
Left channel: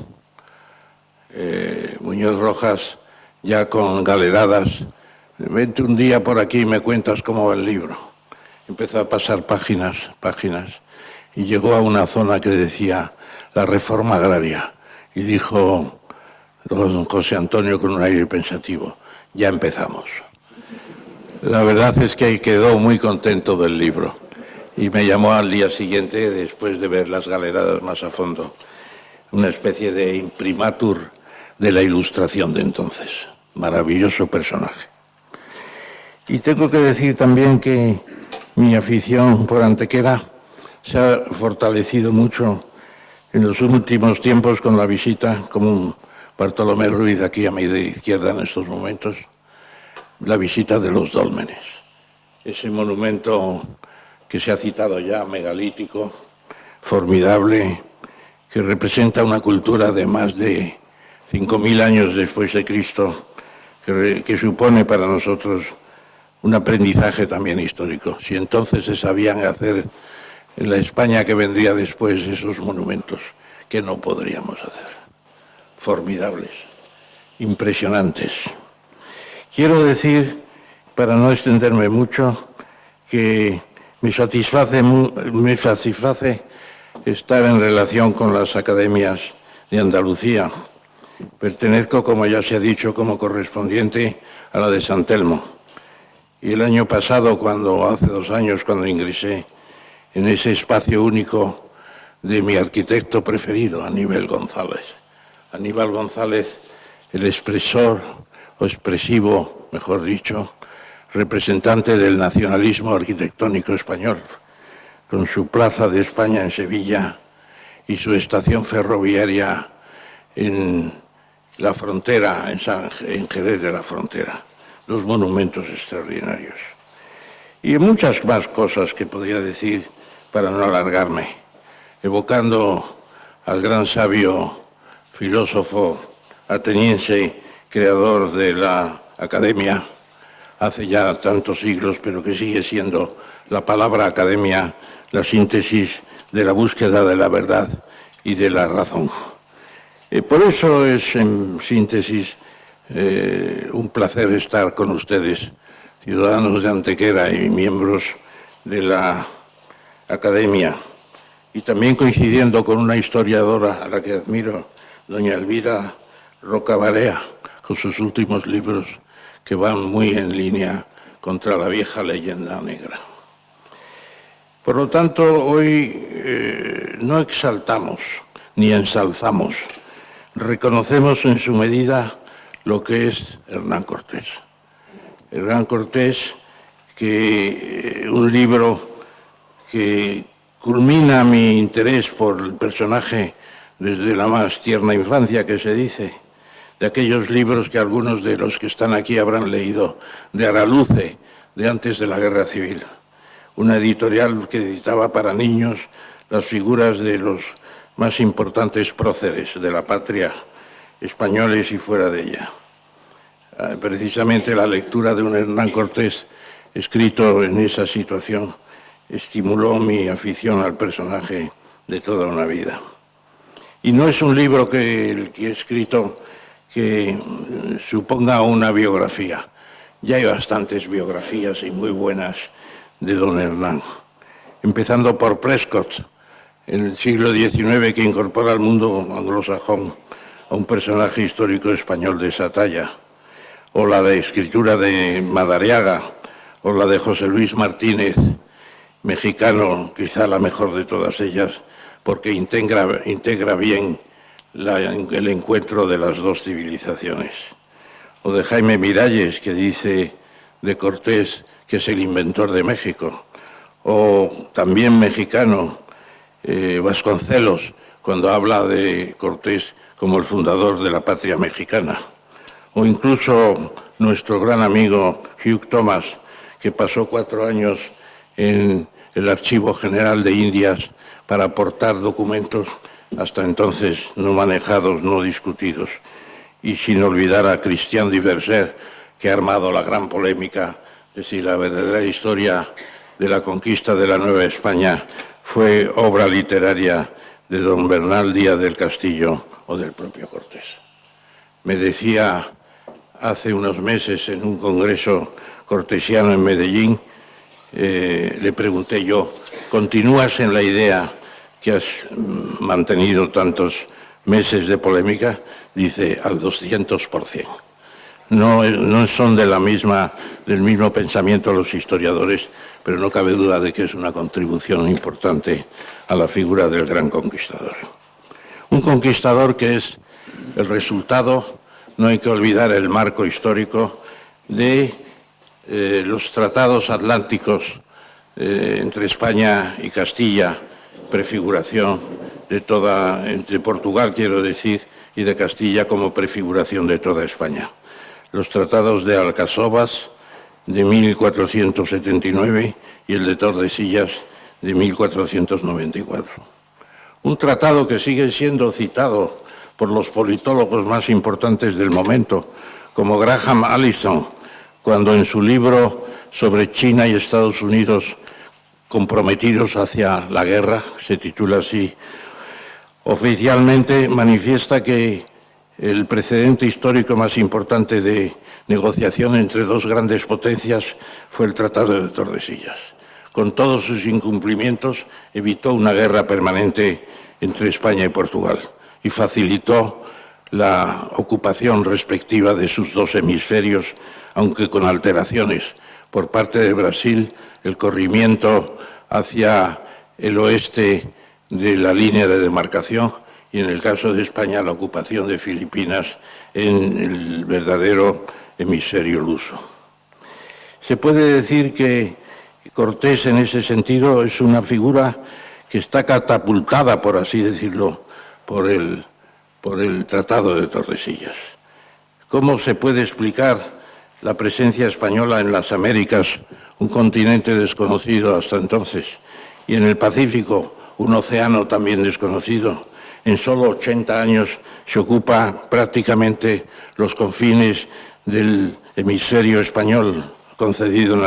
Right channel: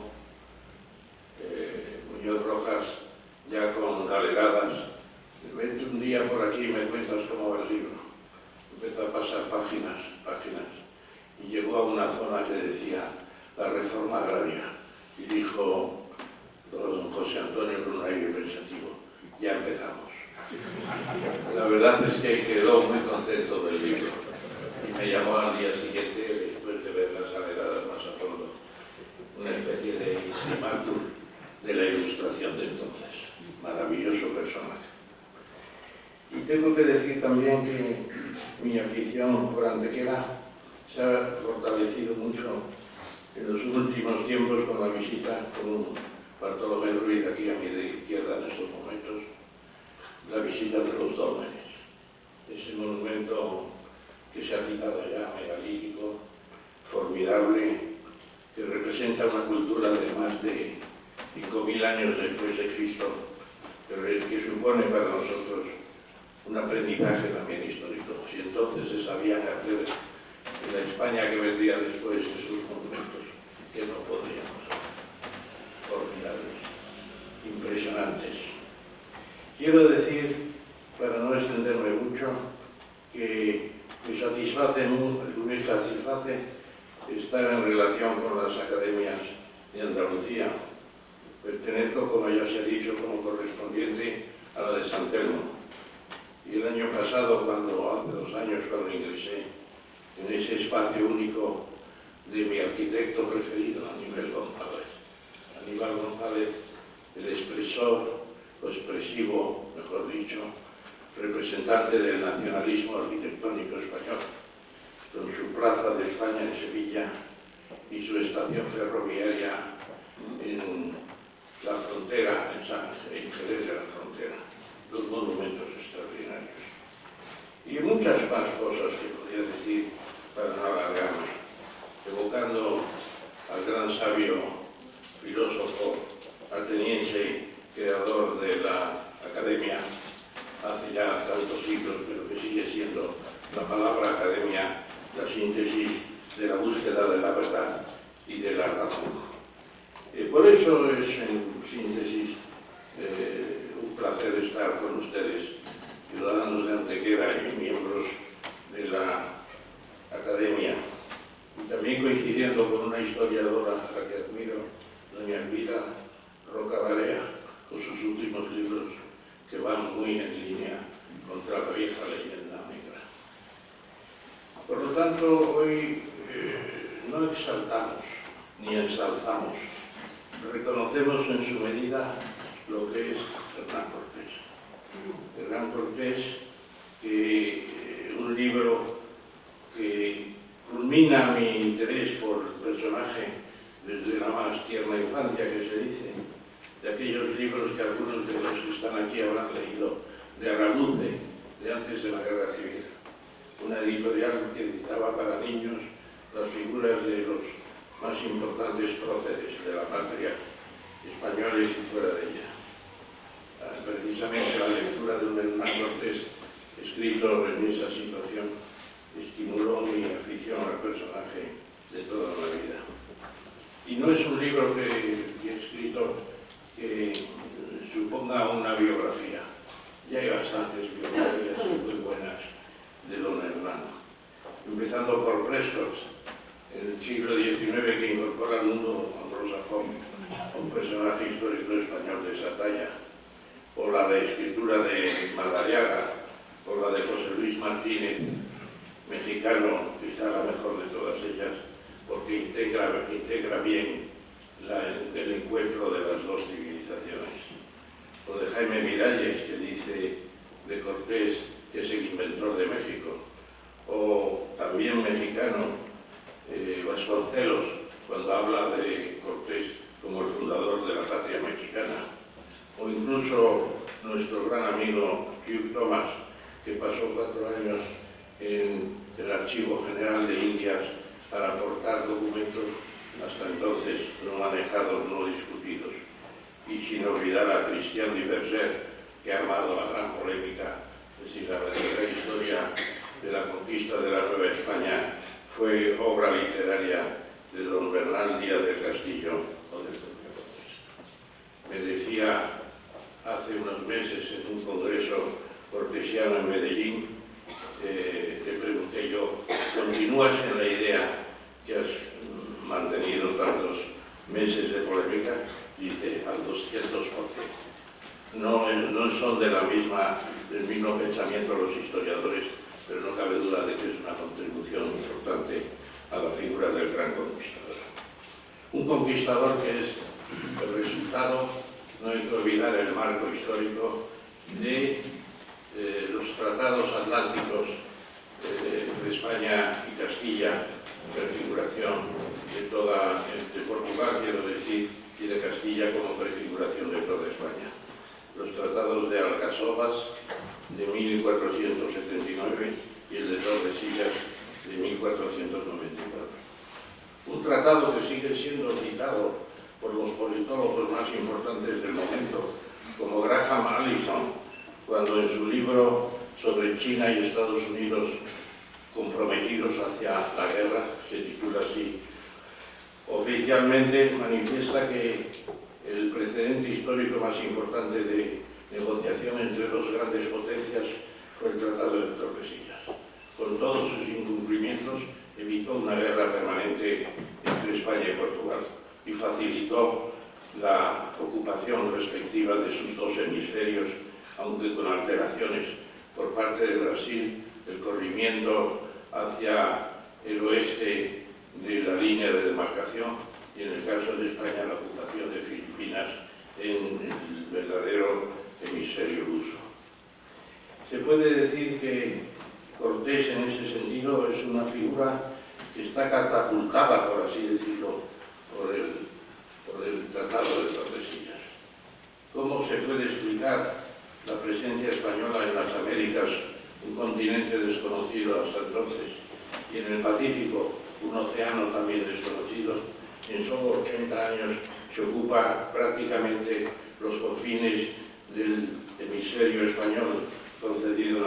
Muñoz Rojas, ya con galeradas, vente un día por aquí y me cuentas cómo va el libro. Empezó a pasar páginas, y llegó a una zona que decía la reforma agraria. Y dijo don José Antonio con un aire pensativo, ya empezamos. La verdad es que quedó muy contento del libro. Y me llamó al día siguiente, después de ver las galeradas más a fondo, una especie de imprimatur de la Ilustración de entonces. Maravilloso personaje. Y tengo que decir también que mi afición por Antequera se ha fortalecido mucho en los últimos tiempos con la visita, como Bartolomé Ruiz aquí a mi izquierda en estos momentos, la visita de los dólmenes. Ese monumento que se ha citado ya, megalítico, formidable, que representa una cultura de más de 5.000 años después de Cristo, que supone para nosotros un aprendizaje también histórico. Si entonces se sabían hacer en la España que vendría después esos monumentos, ¿qué no podríamos hacer? Formidables, impresionantes. Quiero decir, para no extenderme mucho, que me satisface estar en relación con las academias de Andalucía. Pertenezco, como ya se ha dicho, como correspondiente a la de San Telmo. Y el año pasado, hace 2 años, cuando ingresé en ese espacio único de mi arquitecto preferido, Aníbal González. Aníbal González, el expresor, o expresivo, mejor dicho, representante del nacionalismo arquitectónico español, con su Plaza de España en Sevilla y su estación ferroviaria en la frontera, en Jerez de la Frontera. Dos monumentos extraordinarios. Y muchas más cosas que podría decir para no alargarme, evocando al gran sabio filósofo ateniense, creador de la Academia, hace ya tantos siglos, pero que sigue siendo la palabra academia la síntesis de la búsqueda de la verdad y de la razón. Por eso es, en síntesis, un placer estar con ustedes, ciudadanos de Antequera y miembros de la Academia, y también coincidiendo con una historiadora a la que admiro, doña Elvira Roca Barea, con sus últimos libros que van muy en línea contra la vieja leyenda negra. Por lo tanto, hoy no exaltamos ni ensalzamos, reconocemos en su medida lo que es Hernán Cortés. Hernán Cortés, que un libro que culmina mi interés por el personaje desde la más tierna infancia, que se dice, de aquellos libros que algunos de los que están aquí habrán leído, de Araluce, de antes de la Guerra Civil, una editorial que editaba para niños las figuras de los más importantes próceres de la patria, españoles y fuera de ella. Precisamente la lectura de un Hernán Cortés escrito en esa situación estimuló mi afición al personaje de toda una vida. Y no es un libro que he escrito que suponga una biografía. Ya hay bastantes biografías y muy buenas de don Hernán. Empezando por Prescott, en el siglo XIX, que incorpora al mundo anglosajón a un personaje histórico español de esa talla, o la de escritura de Madariaga, o la de José Luis Martínez, mexicano, quizá la mejor de todas ellas, porque integra bien el encuentro de las dos civilizaciones. O de Jaime Miralles, que dice de Cortés que es el inventor de México. O también mexicano, Vasconcelos, cuando habla de Cortés como el fundador de la patria mexicana. O incluso nuestro gran amigo Hugh Thomas, que pasó 4 años en el Archivo General de Indias para aportar documentos hasta entonces no manejados, no discutidos. Y sin olvidar a Christian Diverser, que ha armado la gran polémica de si la verdadera historia de la conquista de la Nueva España fue obra literaria de don Bernal Díaz del Castillo o del propio Cortés. Me decía hace unos meses en un congreso cortesiano en Medellín, le pregunté yo, ¿continúas en la idea que has mantenido tantos meses de polémica? Dice, al 200%. No son del mismo pensamiento los historiadores, pero no cabe duda de que es una contribución importante a la figura del gran conquistador. Un conquistador que es el resultado, no hay que olvidar el marco histórico de los tratados atlánticos entre España y Castilla, prefiguración entre Portugal, quiero decir, y de Castilla como prefiguración de toda España. Los tratados de Alcasovas de 1479 y el de Tordesillas de 1494. Un tratado que sigue siendo citado por los politólogos más importantes del momento, como Graham Allison, cuando en su libro sobre China y Estados Unidos comprometidos hacia la guerra, se titula así, oficialmente manifiesta que el precedente histórico más importante de negociación entre dos grandes potencias fue el Tratado de Tordesillas. Con todos sus incumplimientos, evitó una guerra permanente entre España y Portugal y facilitó la ocupación respectiva de sus dos hemisferios, aunque con alteraciones por parte de Brasil, el corrimiento hacia el oeste de la línea de demarcación y, en el caso de España, la ocupación de Filipinas en el verdadero hemisferio luso. Se puede decir que Cortés, en ese sentido, es una figura que está catapultada, por así decirlo, por el Tratado de Tordesillas. ¿Cómo se puede explicar la presencia española en las Américas, un continente desconocido hasta entonces, y en el Pacífico, un océano también desconocido? En solo 80 años se ocupa prácticamente los confines del hemisferio español, concedido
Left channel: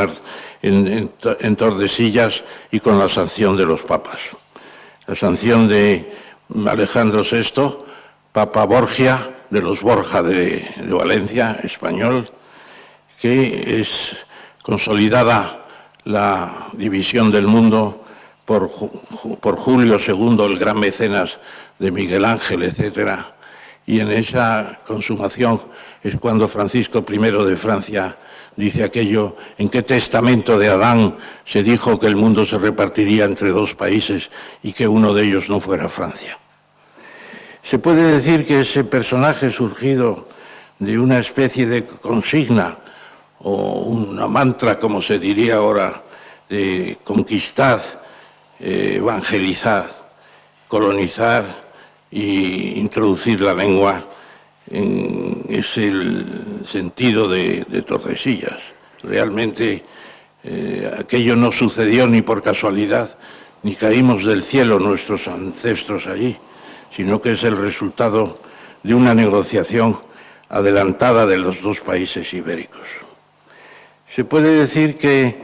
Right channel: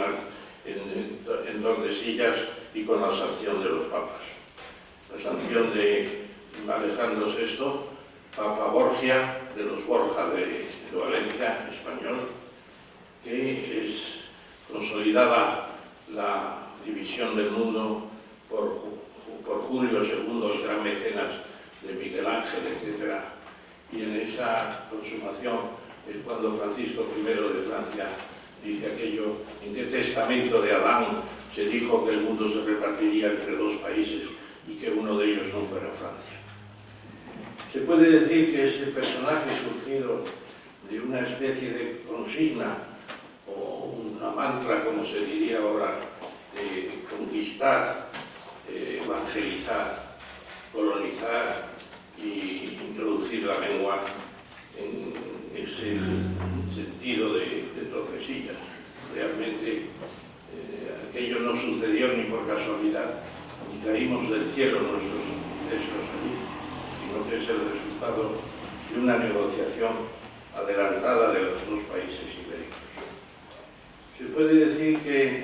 en Tordesillas y con la sanción de los papas. La sanción de Alejandro VI, Papa Borgia, de los Borja de Valencia, español, que es consolidada la división del mundo por Julio II, el gran mecenas de Miguel Ángel, etc. Y en esa consumación es cuando Francisco I de Francia dice aquello: ¿en qué testamento de Adán se dijo que el mundo se repartiría entre dos países y que uno de ellos no fuera Francia? Se puede decir que ese personaje surgido de una especie de consigna o una mantra, como se diría ahora, de conquistad, evangelizar, colonizar e introducir la lengua, es el sentido de Tordesillas. Realmente aquello no sucedió ni por casualidad, ni caímos del cielo nuestros ancestros allí, sino que es el resultado de una negociación adelantada de los dos países ibéricos. Se puede decir que,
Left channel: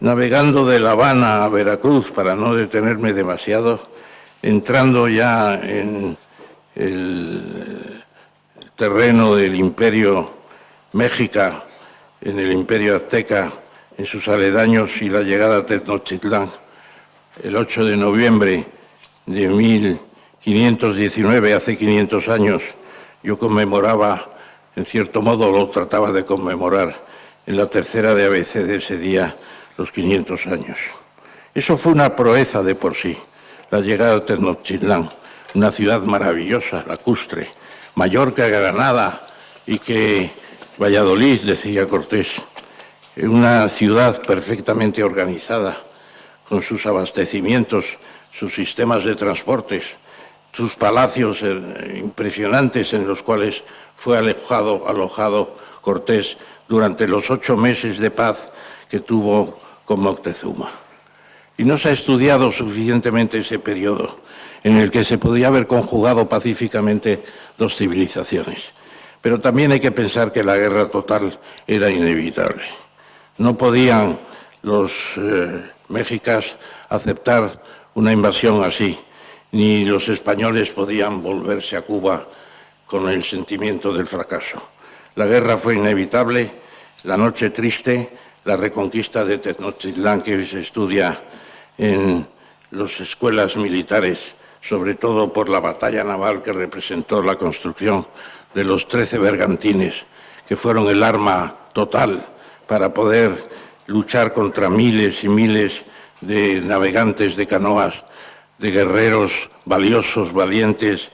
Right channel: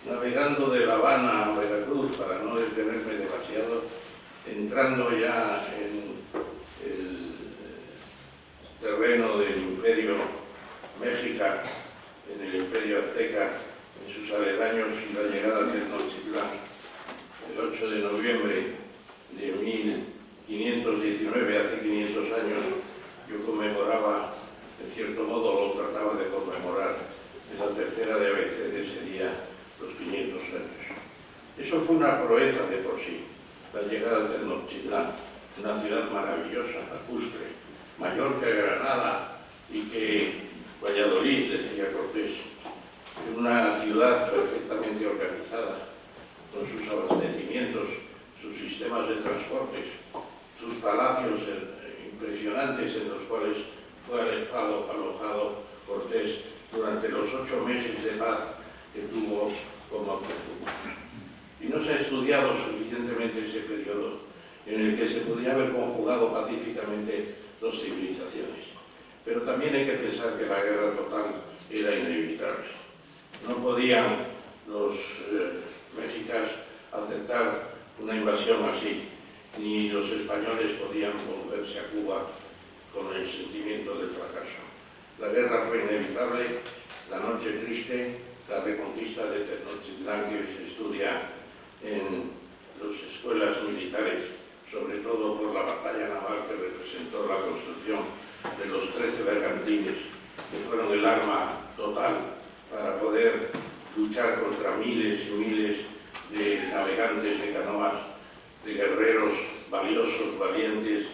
navegando de La Habana a Veracruz, para no detenerme demasiado, entrando ya en el terreno del Imperio México, en el Imperio Azteca, en sus aledaños y la llegada a Tenochtitlán, el 8 de noviembre de 1519, hace 500 años, yo conmemoraba, en cierto modo lo trataba de conmemorar, en la tercera de ABC de ese día, los 500 años. Eso fue una proeza de por sí, la llegada a Tenochtitlán, una ciudad maravillosa, lacustre, mayor que Granada y que Valladolid, decía Cortés, una ciudad perfectamente organizada, con sus abastecimientos, sus sistemas de transportes, sus palacios impresionantes en los cuales fue alojado Cortés durante los 8 meses de paz que tuvo con Moctezuma. Y no se ha estudiado suficientemente ese periodo en el que se podía haber conjugado pacíficamente dos civilizaciones. Pero también hay que pensar que la guerra total era inevitable. No podían los mexicas aceptar una invasión así, ni los españoles podían volverse a Cuba con el sentimiento del fracaso. La guerra fue inevitable, la noche triste, la reconquista de Tenochtitlán que hoy se estudia en las escuelas militares, sobre todo por la batalla naval que representó la construcción de los 13 bergantines, que fueron el arma total para poder luchar contra miles y miles de navegantes de canoas, de guerreros valiosos, valientes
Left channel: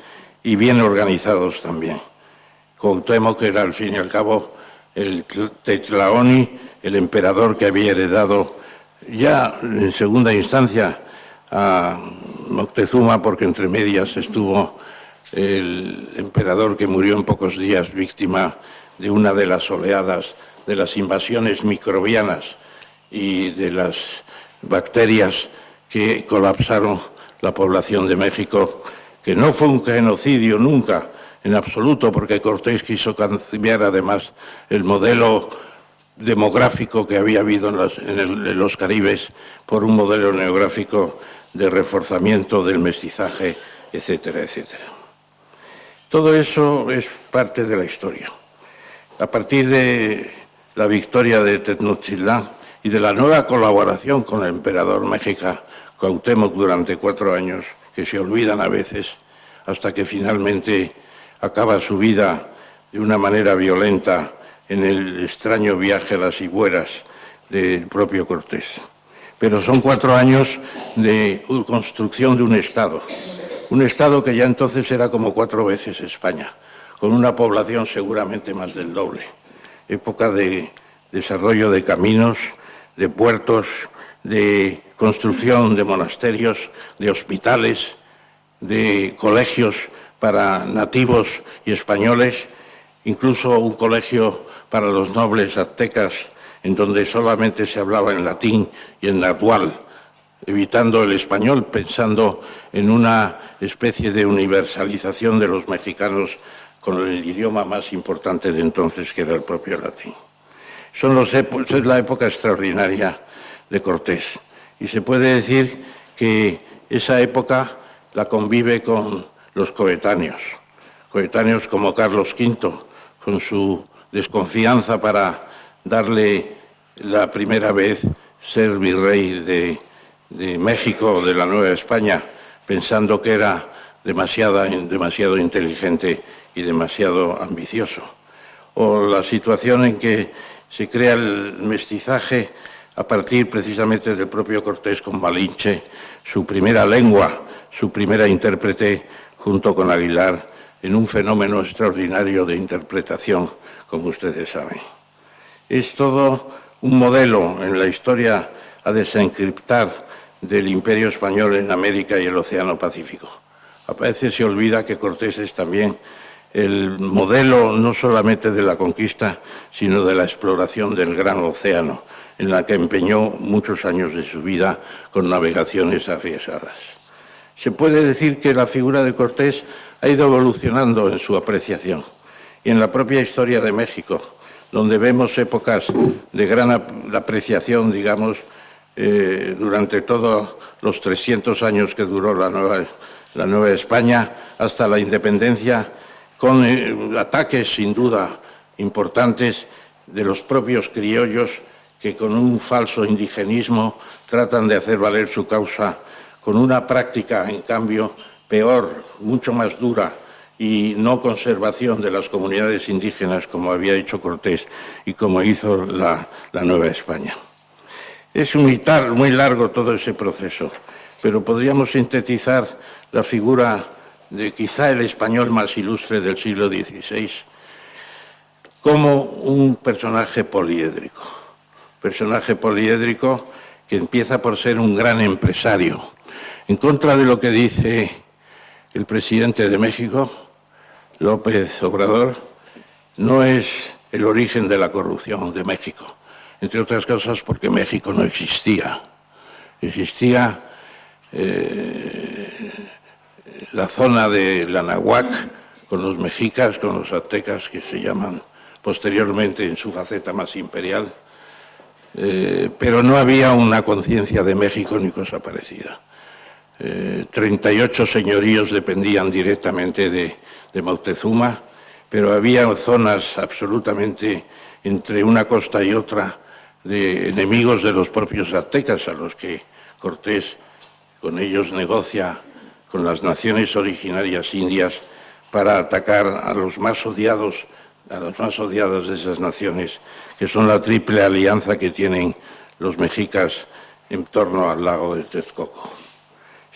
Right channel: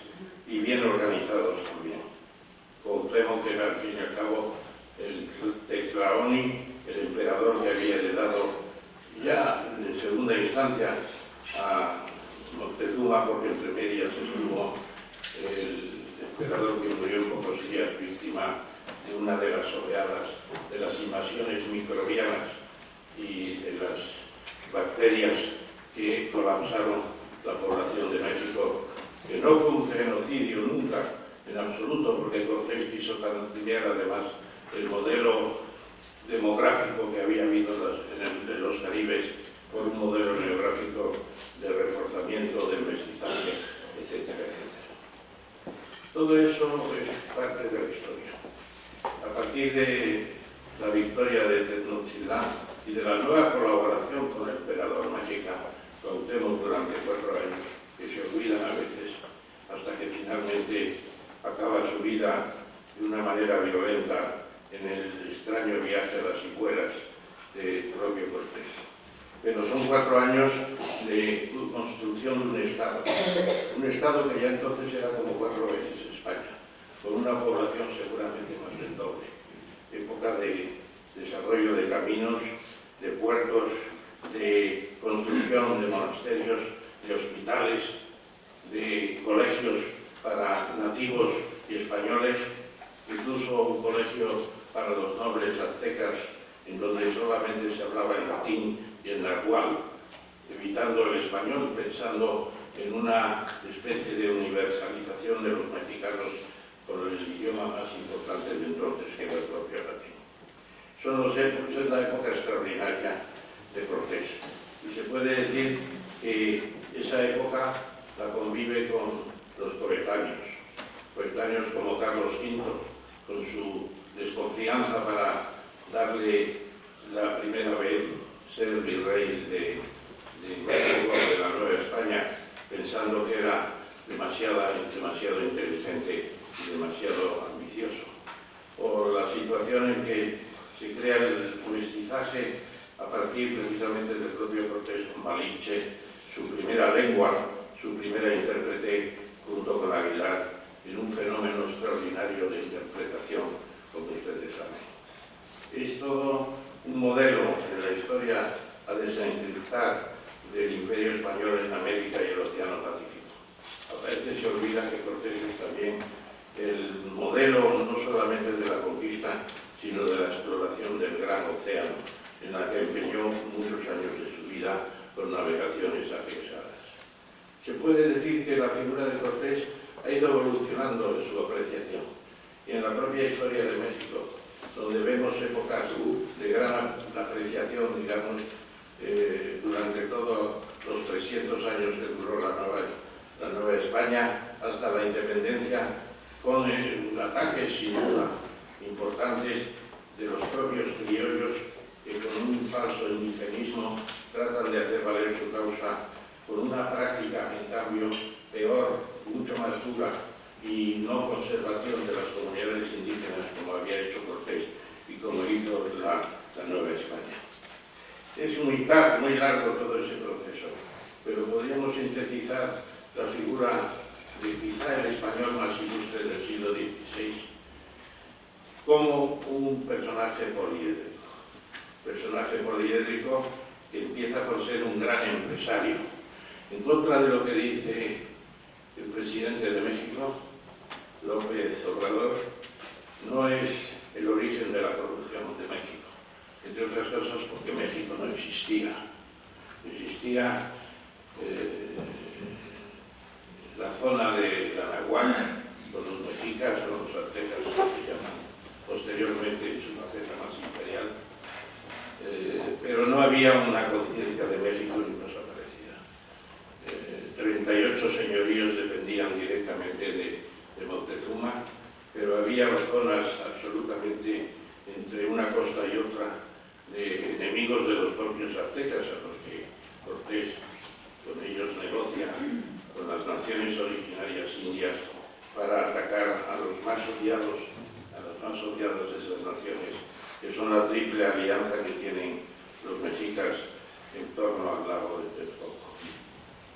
y bien organizados también. Cuauhtémoc era, al fin y al cabo, el Tetlaoni, el emperador que había heredado ya en segunda instancia a Moctezuma, porque entre medias estuvo el emperador que murió en pocos días víctima de una de las oleadas de las invasiones microbianas y de las bacterias que colapsaron la población de México, que no fue un genocidio nunca, en absoluto, porque Cortés quiso cambiar además el modelo demográfico que había habido en los Caribes por un modelo neográfico de reforzamiento del mestizaje, etcétera, etcétera. Todo eso es parte de la historia. A partir de la victoria de Tenochtitlán y de la nueva colaboración con el emperador mexica Cuauhtémoc durante 4 años, que se olvidan a veces, hasta que finalmente acaba su vida de una manera violenta en el extraño viaje a las Igueras del propio Cortés. Pero son 4 años de construcción de un Estado que ya entonces era como 4 veces España, con una población seguramente más del doble. Época de desarrollo de caminos, de puertos, de construcción de monasterios, de hospitales, de colegios para nativos y españoles, incluso un colegio para los nobles aztecas, en donde solamente se hablaba en latín y en náhuatl, evitando el español, pensando en una especie de universalización de los mexicanos con el idioma más importante de entonces, que era el propio latín. Es la época extraordinaria de Cortés, y se puede decir que esa época la convive con los coetáneos como Carlos V, con su desconfianza para darle la primera vez ser virrey de México, de la Nueva España, pensando que era demasiado inteligente y demasiado ambicioso. O la situación en que se crea el mestizaje a partir precisamente del propio Cortés con Malinche, su primera lengua, su primera intérprete, junto con Aguilar, en un fenómeno extraordinario de interpretación, como ustedes saben. Es todo un modelo en la historia a desencriptar del Imperio Español en América y el Océano Pacífico. A veces se olvida que Cortés es también el modelo no solamente de la conquista, sino de la exploración del gran océano en la que empeñó muchos años de su vida con navegaciones arriesgadas. Se puede decir que la figura de Cortés ha ido evolucionando en su apreciación y en la propia historia de México, donde vemos épocas de gran apreciación, digamos, durante todos los 300 años que duró la Nueva España hasta la independencia, con ataques sin duda importantes de los propios criollos que con un falso indigenismo tratan de hacer valer su causa, con una práctica, en cambio, peor, mucho más dura y no conservación de las comunidades indígenas como había hecho Cortés y como hizo la Nueva España. Es muy largo todo ese proceso, pero podríamos sintetizar la figura de quizá el español más ilustre del siglo XVI como un personaje poliédrico que empieza por ser un gran empresario. En contra de lo que dice el presidente de México, López Obrador, no es el origen de la corrupción de México, entre otras cosas porque México no existía. Existía la zona de la Anahuac, con los mexicas, con los aztecas, que se llaman posteriormente en su faceta más imperial, pero no había una conciencia de México ni cosa parecida. 38 señoríos dependían directamente de Moctezuma, pero había zonas absolutamente entre una costa y otra de enemigos de los propios aztecas, a los que Cortés con ellos negocia con las naciones originarias indias para atacar a los más odiados de esas naciones, que son la triple alianza que tienen los mexicas en torno al lago de Texcoco.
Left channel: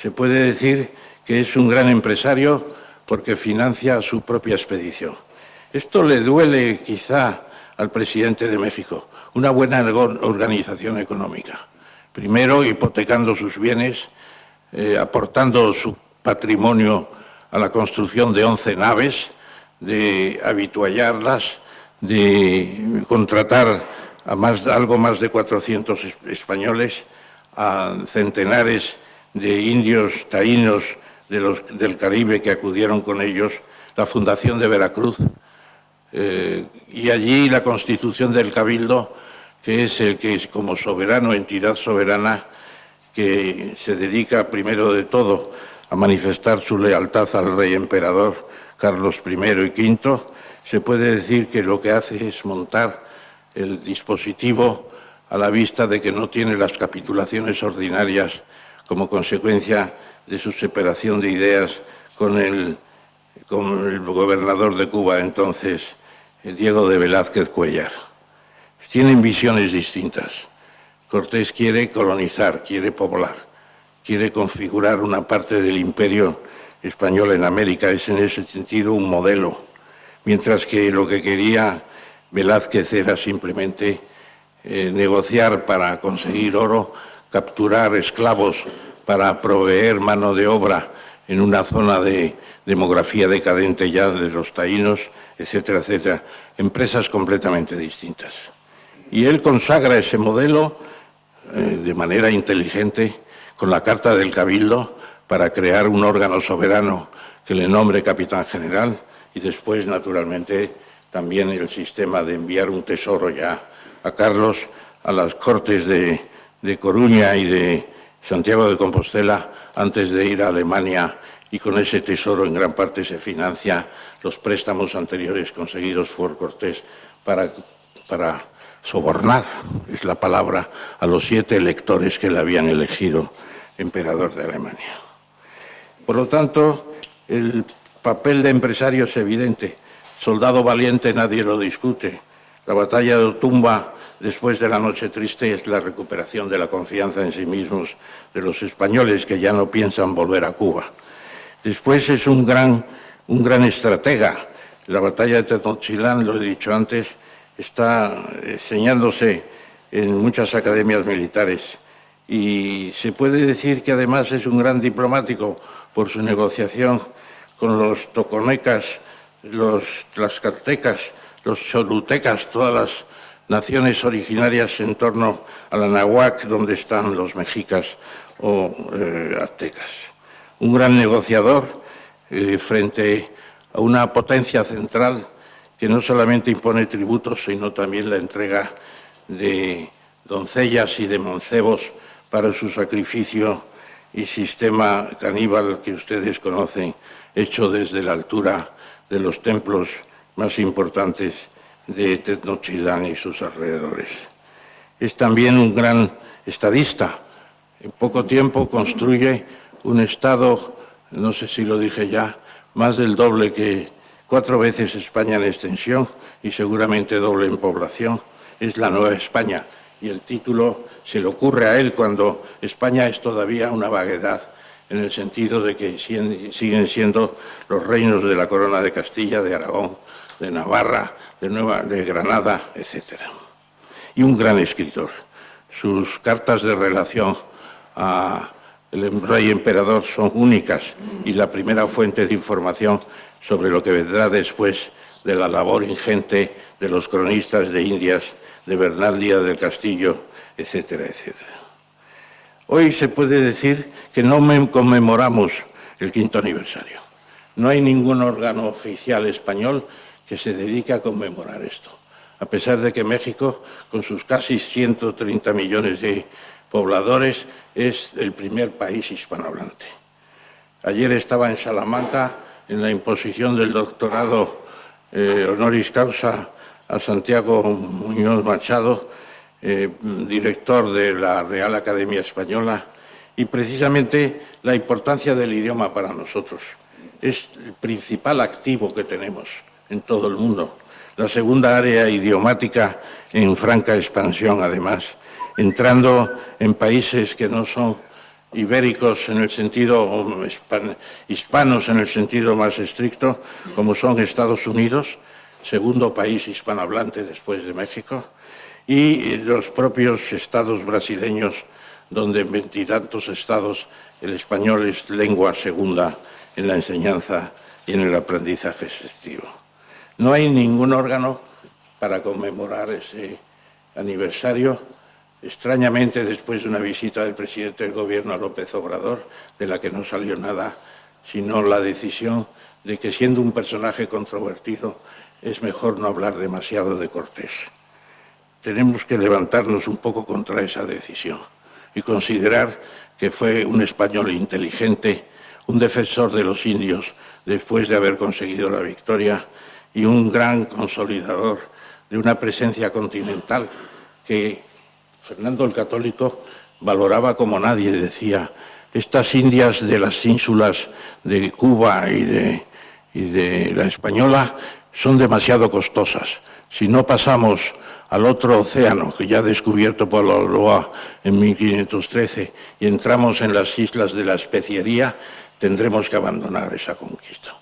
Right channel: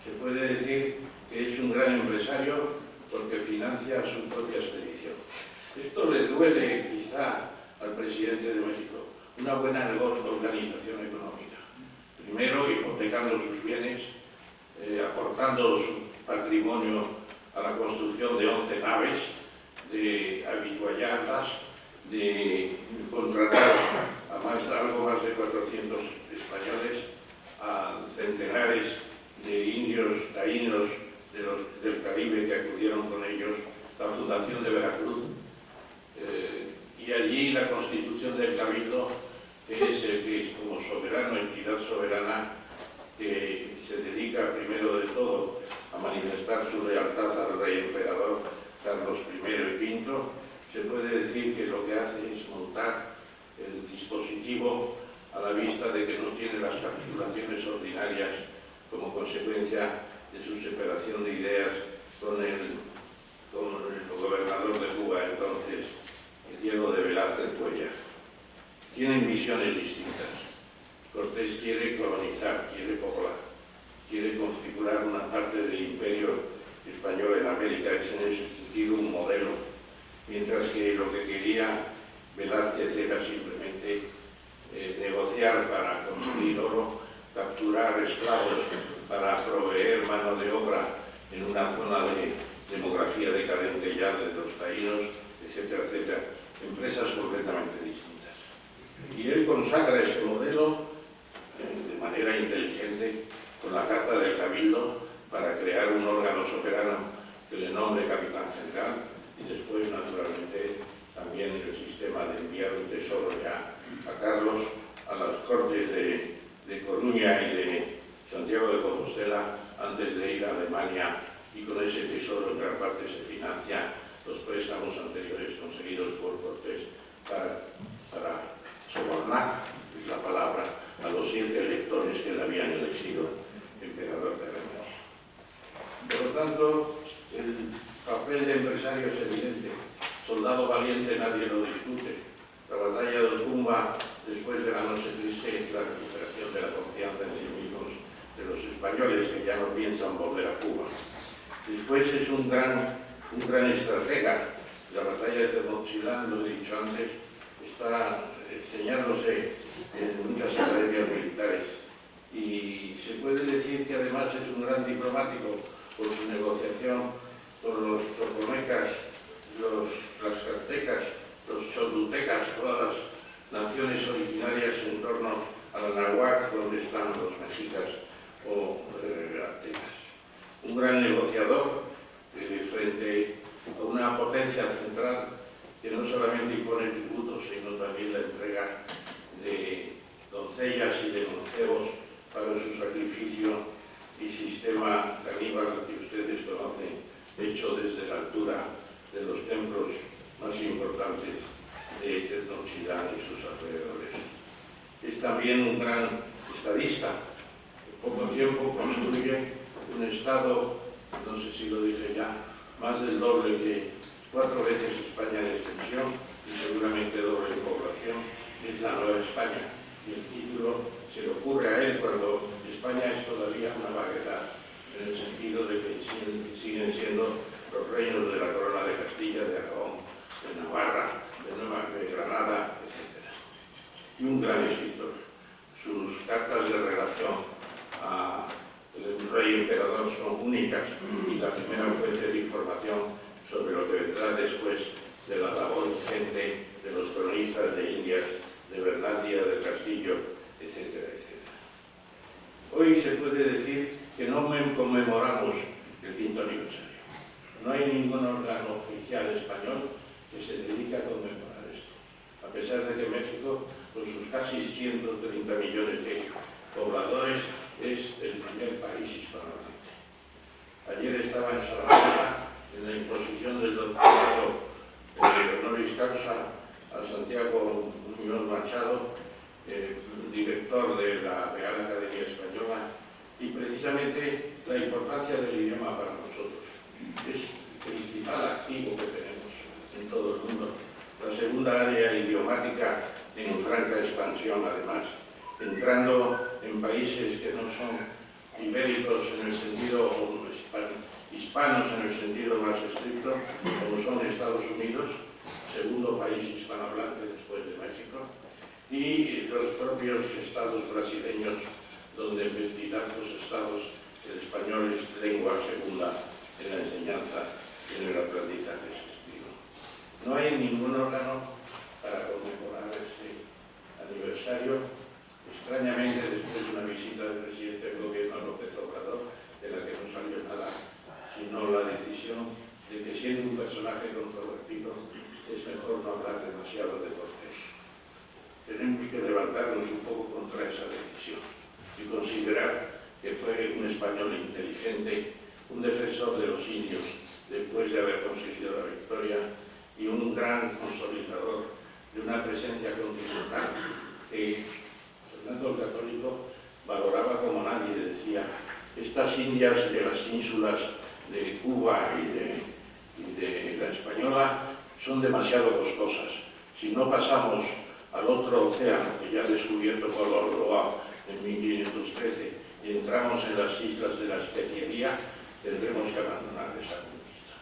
Se puede decir que es un gran empresario porque financia su propia expedición. Esto le duele quizá al presidente de México, una buena organización económica. Primero, hipotecando sus bienes, aportando su patrimonio a la construcción de 11 naves, de habituallarlas, de contratar a algo más de 400 españoles, a centenares de indios taínos del Caribe que acudieron con ellos, la fundación de Veracruz, y allí la constitución del Cabildo, que es el que es como soberano, entidad soberana, que se dedica primero de todo a manifestar su lealtad al rey emperador Carlos I y V. Se puede decir que lo que hace es montar el dispositivo a la vista de que no tiene las capitulaciones ordinarias como consecuencia de su separación de ideas con el gobernador de Cuba entonces, Diego de Velázquez Cuéllar. Tienen visiones distintas. Cortés quiere colonizar, quiere poblar, quiere configurar una parte del imperio español en América, es en ese sentido un modelo, mientras que lo que quería Velázquez era simplemente negociar para conseguir oro, capturar esclavos para proveer mano de obra en una zona de demografía decadente ya de los taínos, etcétera, etcétera, empresas completamente distintas. Y él consagra ese modelo de manera inteligente con la Carta del Cabildo para crear un órgano soberano que le nombre capitán general y después, naturalmente, también el sistema de enviar un tesoro ya a Carlos a las Cortes de Coruña y de Santiago de Compostela antes de ir a Alemania, y con ese tesoro en gran parte se financia los préstamos anteriores conseguidos por Cortés para sobornar, es la palabra, a los 7 electores que le habían elegido emperador de Alemania. Por lo tanto, el papel de empresario es evidente. Soldado valiente nadie lo discute. La batalla de Otumba, después de la Noche Triste, es la recuperación de la confianza en sí mismos de los españoles que ya no piensan volver a Cuba. Después es un gran estratega. La batalla de Tenochtitlán, lo he dicho antes, está enseñándose en muchas academias militares y se puede decir que además es un gran diplomático por su negociación con los toconecas, los tlaxcaltecas, los cholutecas, todas las naciones originarias en torno a la náhuatl, donde están los mexicas o aztecas. Un gran negociador frente a una potencia central que no solamente impone tributos, sino también la entrega de doncellas y de mancebos para su sacrificio y sistema caníbal que ustedes conocen, hecho desde la altura de los templos más importantes de Tenochtitlán y sus alrededores. Es también un gran estadista. En poco tiempo construye un Estado, no sé si lo dije ya, más del doble que 4 veces España en extensión y seguramente doble en población. Es la Nueva España y el título se le ocurre a él cuando España es todavía una vaguedad, en el sentido de que siguen siendo los reinos de la Corona de Castilla, de Aragón, de Navarra, de Granada, etc. Y un gran escritor. Sus cartas de relación al rey emperador son únicas y la primera fuente de información sobre lo que vendrá después de la labor ingente de los cronistas de Indias, de Bernal Díaz del Castillo, etcétera, etcétera. Hoy se puede decir que no conmemoramos el 5º aniversario. No hay ningún órgano oficial español que se dedique a conmemorar esto, a pesar de que México, con sus casi 130 millones de pobladores, es el primer país hispanohablante. Ayer estaba en Salamanca en la imposición del doctorado honoris causa a Santiago Muñoz Machado, director de la Real Academia Española, y precisamente la importancia del idioma para nosotros. Es el principal activo que tenemos en todo el mundo, la segunda área idiomática en franca expansión, además, entrando en países que no son ibéricos en el sentido, o hispanos en el sentido más estricto, como son Estados Unidos, segundo país hispanohablante después de México, y los propios estados brasileños, donde en 20 y tantos estados el español es lengua segunda en la enseñanza y en el aprendizaje extensivo. No hay ningún órgano para conmemorar ese aniversario, extrañamente después de una visita del presidente del Gobierno a López Obrador, de la que no salió nada, sino la decisión de que, siendo un personaje controvertido, es mejor no hablar demasiado de Cortés. Tenemos que levantarnos un poco contra esa decisión y considerar que fue un español inteligente, un defensor de los indios después de haber conseguido la victoria y un gran consolidador de una presencia continental que Fernando el Católico valoraba como nadie. Decía, estas Indias de las ínsulas de Cuba y de la Española son demasiado costosas. Si no pasamos al otro océano, que ya descubierto por Laurent en 1513, y entramos en las islas de la especiería, tendremos que abandonar esa conquista.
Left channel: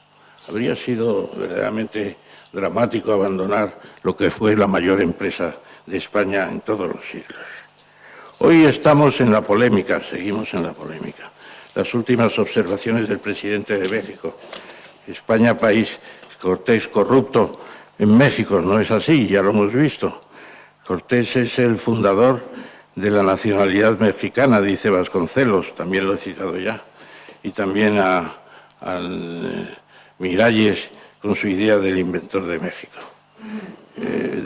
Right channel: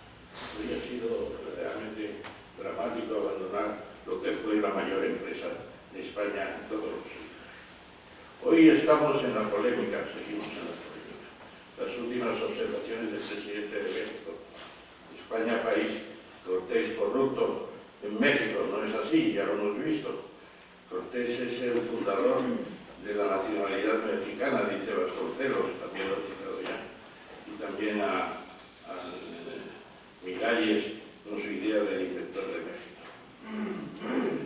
Habría sido verdaderamente dramático abandonar lo que fue la mayor empresa de España en todos los siglos. Hoy estamos en la polémica, seguimos en la polémica. Las últimas observaciones del presidente de México. España, país, Cortés corrupto. En México no es así, ya lo hemos visto. Cortés es el fundador de la nacionalidad mexicana, dice Vasconcelos, también lo he citado ya, y también al Miralles con su idea del inventor de México.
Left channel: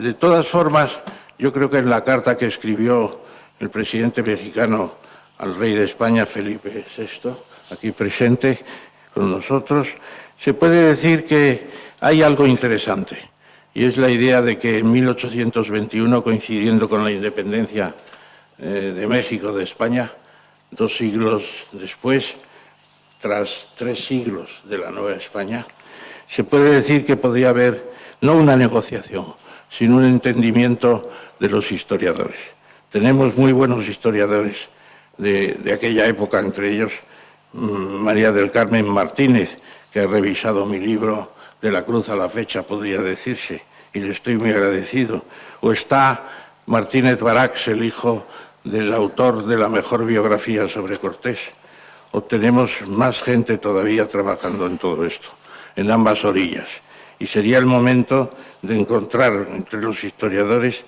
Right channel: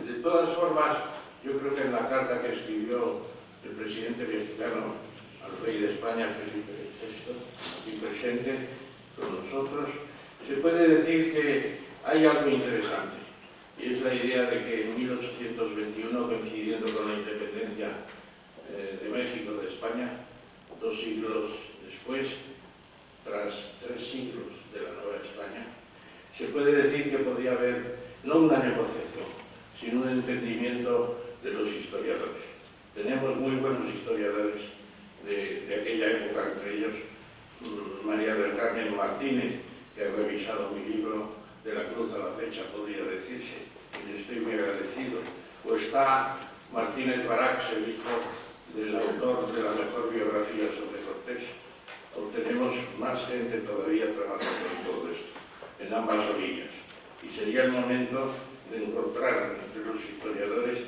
De todas formas, yo creo que en la carta que escribió el presidente mexicano al rey de España, Felipe VI, aquí presente con nosotros, se puede decir que hay algo interesante, y es la idea de que en 1821, coincidiendo con la independencia de México de España, 2 siglos después, tras 3 siglos de la Nueva España, se puede decir que podría haber no una negociación, sino un entendimiento de los historiadores. Tenemos muy buenos historiadores de aquella época, entre ellos María del Carmen Martínez, que ha revisado mi libro De la Cruz a la Fecha, podría decirse, y le estoy muy agradecido. O está Martínez Barax, el hijo del autor de la mejor biografía sobre Cortés. O tenemos más gente todavía trabajando en todo esto, en ambas orillas. Y sería el momento de encontrar entre los historiadores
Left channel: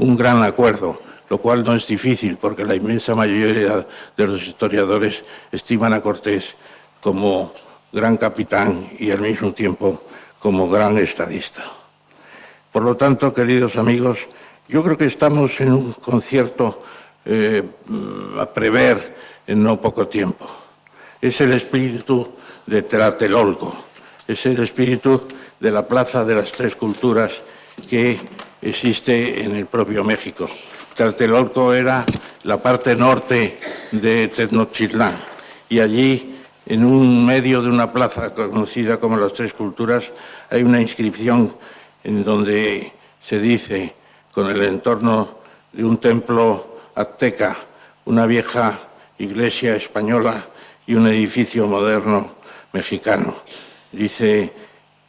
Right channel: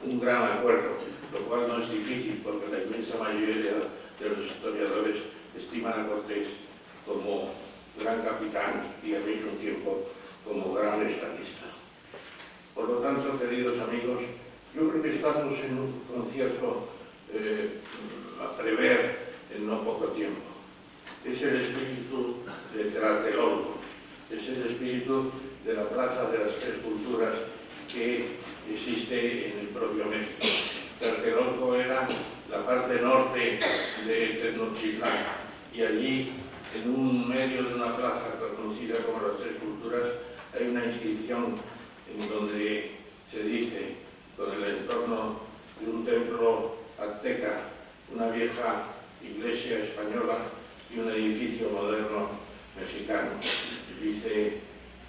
un gran acuerdo, lo cual no es difícil porque la inmensa mayoría de los historiadores estiman a Cortés como gran capitán y al mismo tiempo como gran estadista. Por lo tanto, queridos amigos, yo creo que estamos en un concierto a prever en no poco tiempo. Es el espíritu de Tlatelolco, es el espíritu de la Plaza de las Tres Culturas que existe en el propio México. Tlatelolco era la parte norte de Tenochtitlán y allí, en un medio de una plaza conocida como las Tres Culturas, hay una inscripción en donde se dice, con el entorno de un templo azteca, una vieja iglesia española y un edificio moderno mexicano. Dice,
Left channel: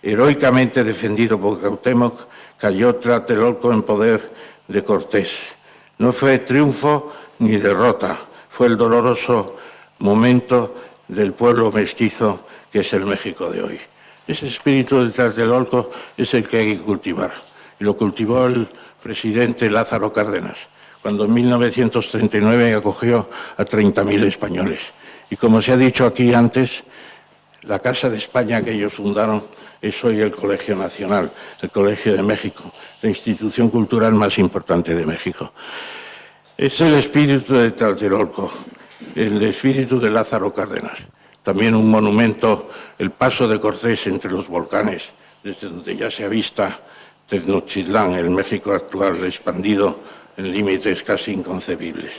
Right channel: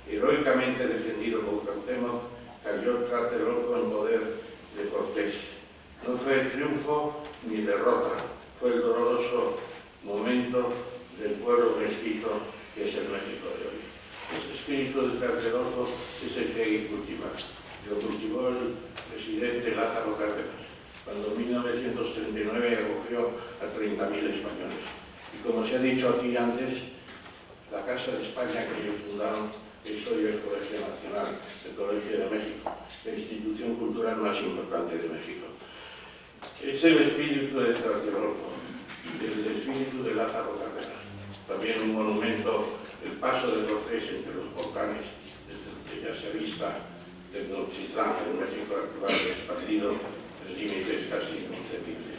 heroicamente defendido por Cuauhtémoc, cayó Tlatelolco en poder de Cortés. No fue triunfo ni derrota, fue el doloroso momento del pueblo mestizo que es el México de hoy. Ese espíritu de Tlatelolco es el que hay que cultivar. Y lo cultivó el presidente Lázaro Cárdenas, cuando en 1939 acogió a 30.000 españoles. Y como se ha dicho aquí antes, la Casa de España que ellos fundaron es hoy el Colegio Nacional, el Colegio de México, la institución cultural más importante de México. Es el espíritu de Tlatelolco, el espíritu de Lázaro Cárdenas. También un monumento, el paso de Cortés entre los volcanes, desde donde ya se avista Tenochtitlán, el México actual, expandido en límites casi inconcebibles.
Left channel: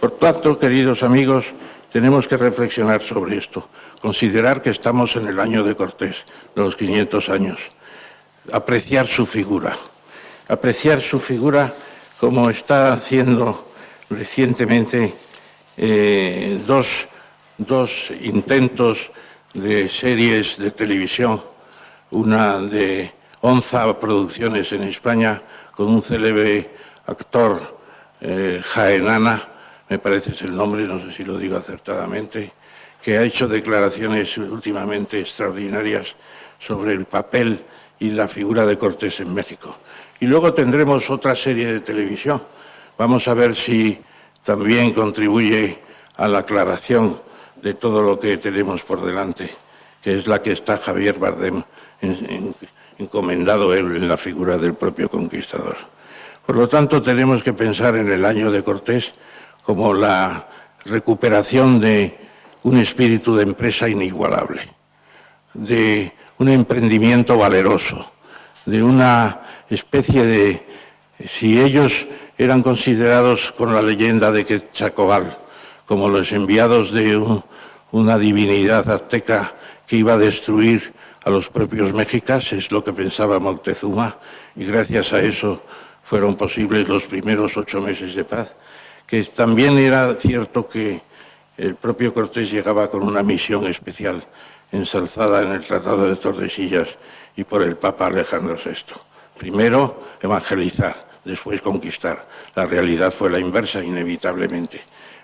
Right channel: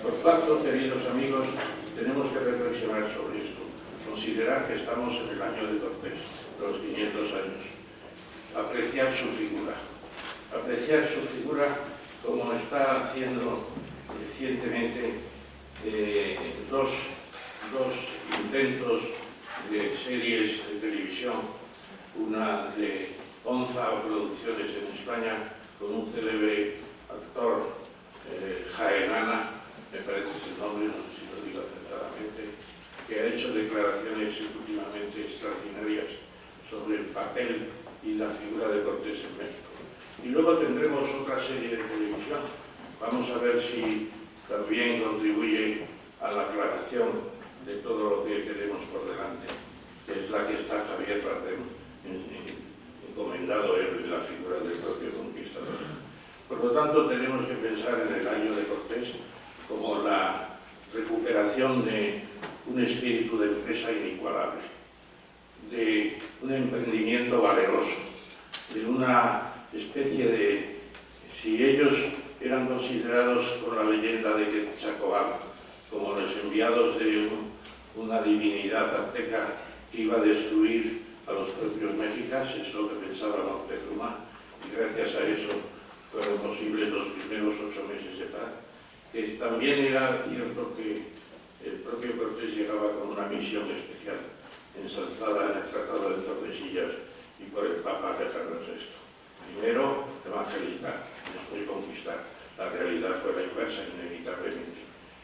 Por tanto, queridos amigos, tenemos que reflexionar sobre esto, considerar que estamos en el año de Cortés, de los 500 años, apreciar su figura como está haciendo recientemente dos intentos de series de televisión, una de Onza Producciones en España, con un célebre actor Jaenana, me parece es el nombre, no sé si lo digo acertadamente, que ha hecho declaraciones últimamente extraordinarias sobre el papel y la figura de Cortés en México. Y luego tendremos otra serie de televisión. Vamos a ver si también contribuye a la aclaración de todo lo que tenemos por delante, que es la que está Javier Bardem encomendado él en la figura del propio conquistador. Por lo tanto, tenemos que pensar en el año de Cortés como la recuperación de un espíritu de empresa inigualable, de un emprendimiento valeroso, de una especie de... Si ellos eran considerados con la leyenda de Quetzalcóatl como los enviados de una divinidad azteca que iba a destruir a los propios mexicas, es lo que pensaba Moctezuma, y gracias a eso fueron posibles los primeros 8 meses de paz, que también era cierto que el propio Cortés llegaba con una misión especial, ensalzada en el Tratado de Tordesillas y por el Papa Alejandro VI. Primero, evangelizar, después conquistar. La realidad fue la inversa, inevitablemente.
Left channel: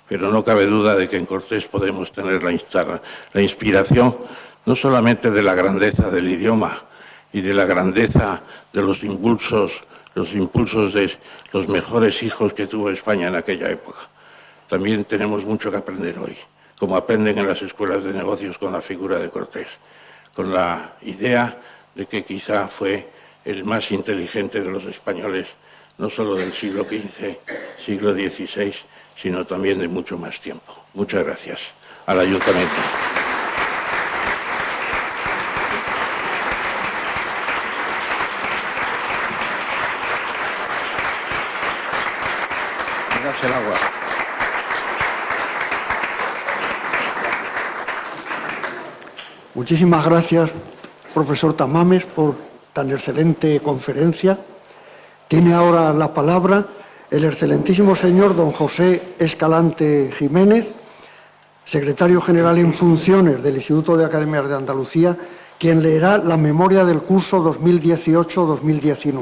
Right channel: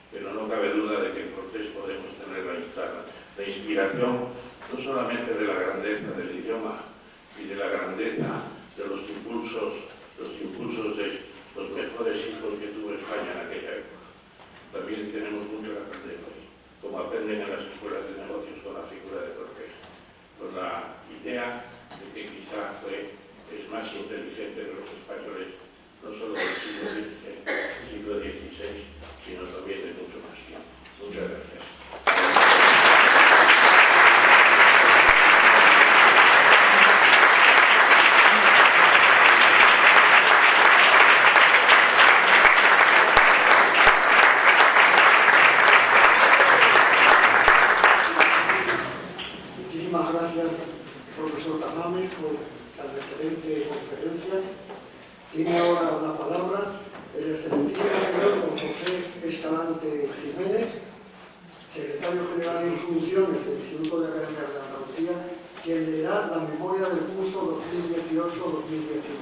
Pero no cabe duda de que en Cortés podemos tener la inspiración no solamente de la grandeza del idioma y de la grandeza de los impulsos de los mejores hijos que tuvo España en aquella época. También tenemos mucho que aprender hoy, como aprenden en las escuelas de negocios con la figura de Cortés, con la idea de que quizá fue el más inteligente de los españoles, no solo del siglo XV, siglo XVI, sino también de mucho más tiempo. Muchas gracias. Ahora yo comento. Muchísimas gracias, profesor Tamames, por tan excelente conferencia. Tiene ahora la palabra el excelentísimo señor don José Escalante Jiménez, secretario general en funciones del Instituto de Academias de Andalucía, quien leerá la memoria del curso 2018-2019.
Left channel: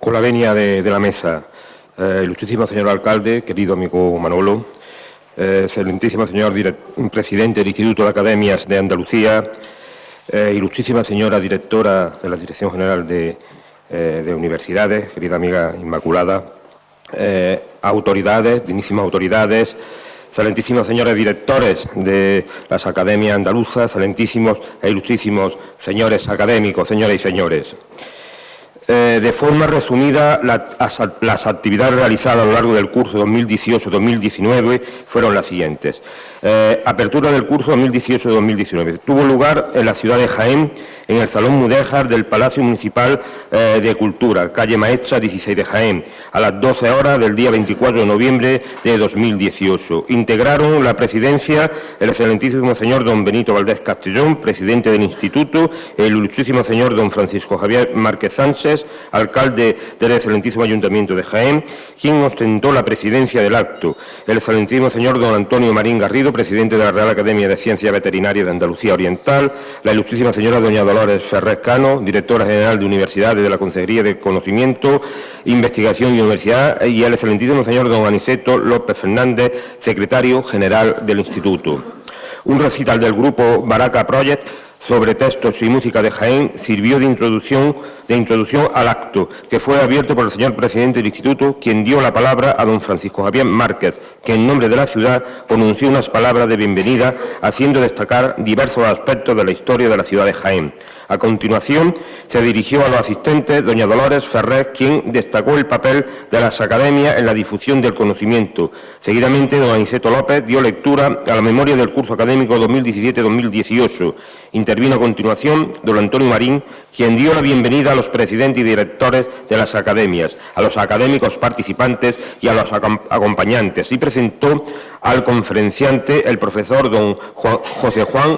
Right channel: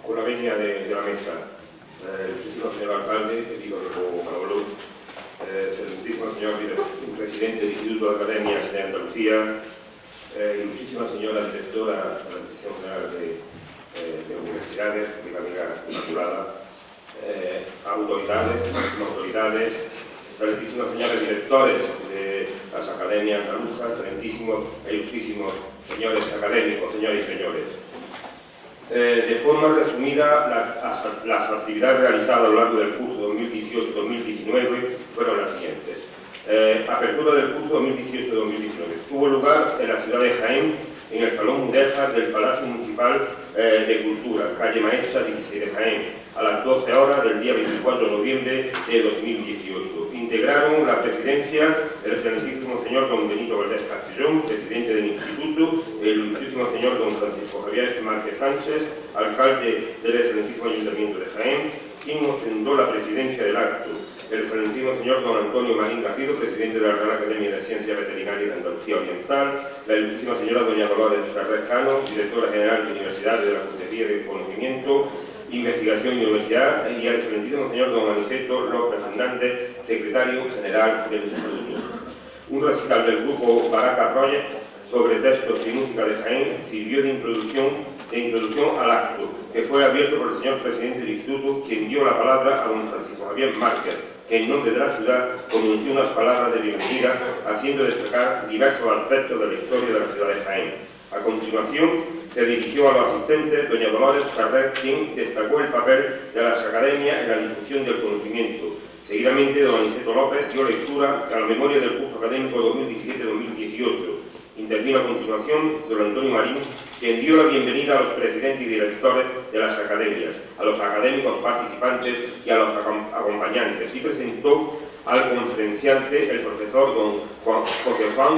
Con la venia de la mesa, ilustrísimo señor alcalde, querido amigo Manolo, excelentísimo señor presidente del Instituto de Academias de Andalucía, ilustrísima señora directora de la Dirección General de Universidades, querida amiga Inmaculada, autoridades, dignísimas autoridades, excelentísimos señores directores de las academias andaluzas, excelentísimos e ilustrísimos señores académicos, señoras y señores. De forma resumida, las actividades realizadas a lo largo del curso 2018-2019 fueron las siguientes. Apertura del curso 2018-2019. Tuvo lugar en la ciudad de Jaén, en el Salón Mudéjar del Palacio Municipal de Cultura, calle Maestra 16 de Jaén, a las 12 horas del día 24 de noviembre de 2018. Integraron la presidencia el excelentísimo señor don Benito Valdés Castellón, presidente del Instituto, el ilustrísimo señor don Francisco Javier Márquez Sánchez, alcalde del excelentísimo Ayuntamiento de Jaén, quien ostentó la presidencia del acto, el excelentísimo señor don Antonio Marín Garrido, presidente de la Real Academia de Ciencias Veterinarias de Andalucía Oriental, la ilustrísima señora doña Dolores Ferrer Cano, directora general de Universidades de la Consejería de Conocimiento, Investigación y Universidad, y el excelentísimo señor don Aniceto López Fernández, secretario general del Instituto. Un recital del grupo Baraca Project sobre textos y música de Jaén sirvió de introducción al acto, que fue abierto por el señor presidente del Instituto, quien dio la palabra a don Francisco Javier Márquez, que en nombre de la ciudad pronunció unas palabras de bienvenida, haciendo destacar diversos aspectos de la historia de la ciudad de Jaén. A continuación, se dirigió a los asistentes doña Dolores Ferrer, quien destacó el papel de las academias en la difusión del conocimiento. Seguidamente, don Aniceto López dio lectura a la memoria del curso académico 2017-2018. Intervino a continuación don Antonio Marín, quien dio la bienvenida a los presidentes y directores de las academias, a los académicos participantes y a los acompañantes, y presentó al conferenciante el profesor don José Juan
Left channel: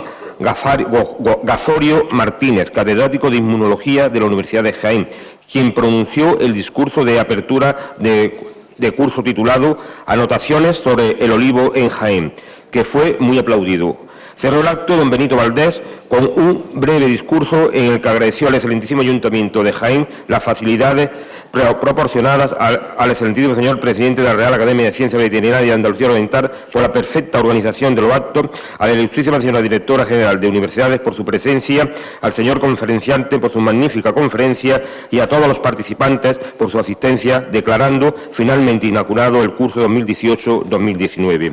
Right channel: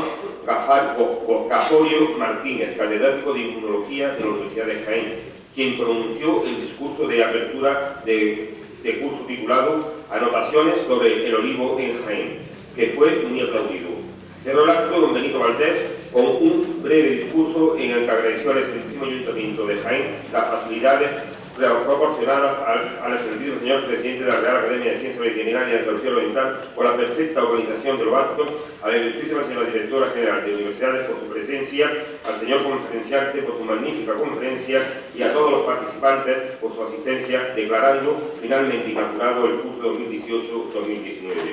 Gazorio Martínez, catedrático de Inmunología de la Universidad de Jaén, quien pronunció el discurso de apertura de curso titulado Anotaciones sobre el olivo en Jaén, que fue muy aplaudido. Cerró el acto don Benito Valdés con un breve discurso en el que agradeció al excelentísimo Ayuntamiento de Jaén las facilidades proporcionadas al excelentísimo señor presidente de la Real Academia de Ciencias Veterinarias de Andalucía Oriental por la perfecta organización de los actos, a la ilustrísima señora directora general de Universidades por su presencia, al señor conferenciante por su magnífica conferencia y a todos los participantes por su asistencia, declarando finalmente inaugurado el curso 2018-2019.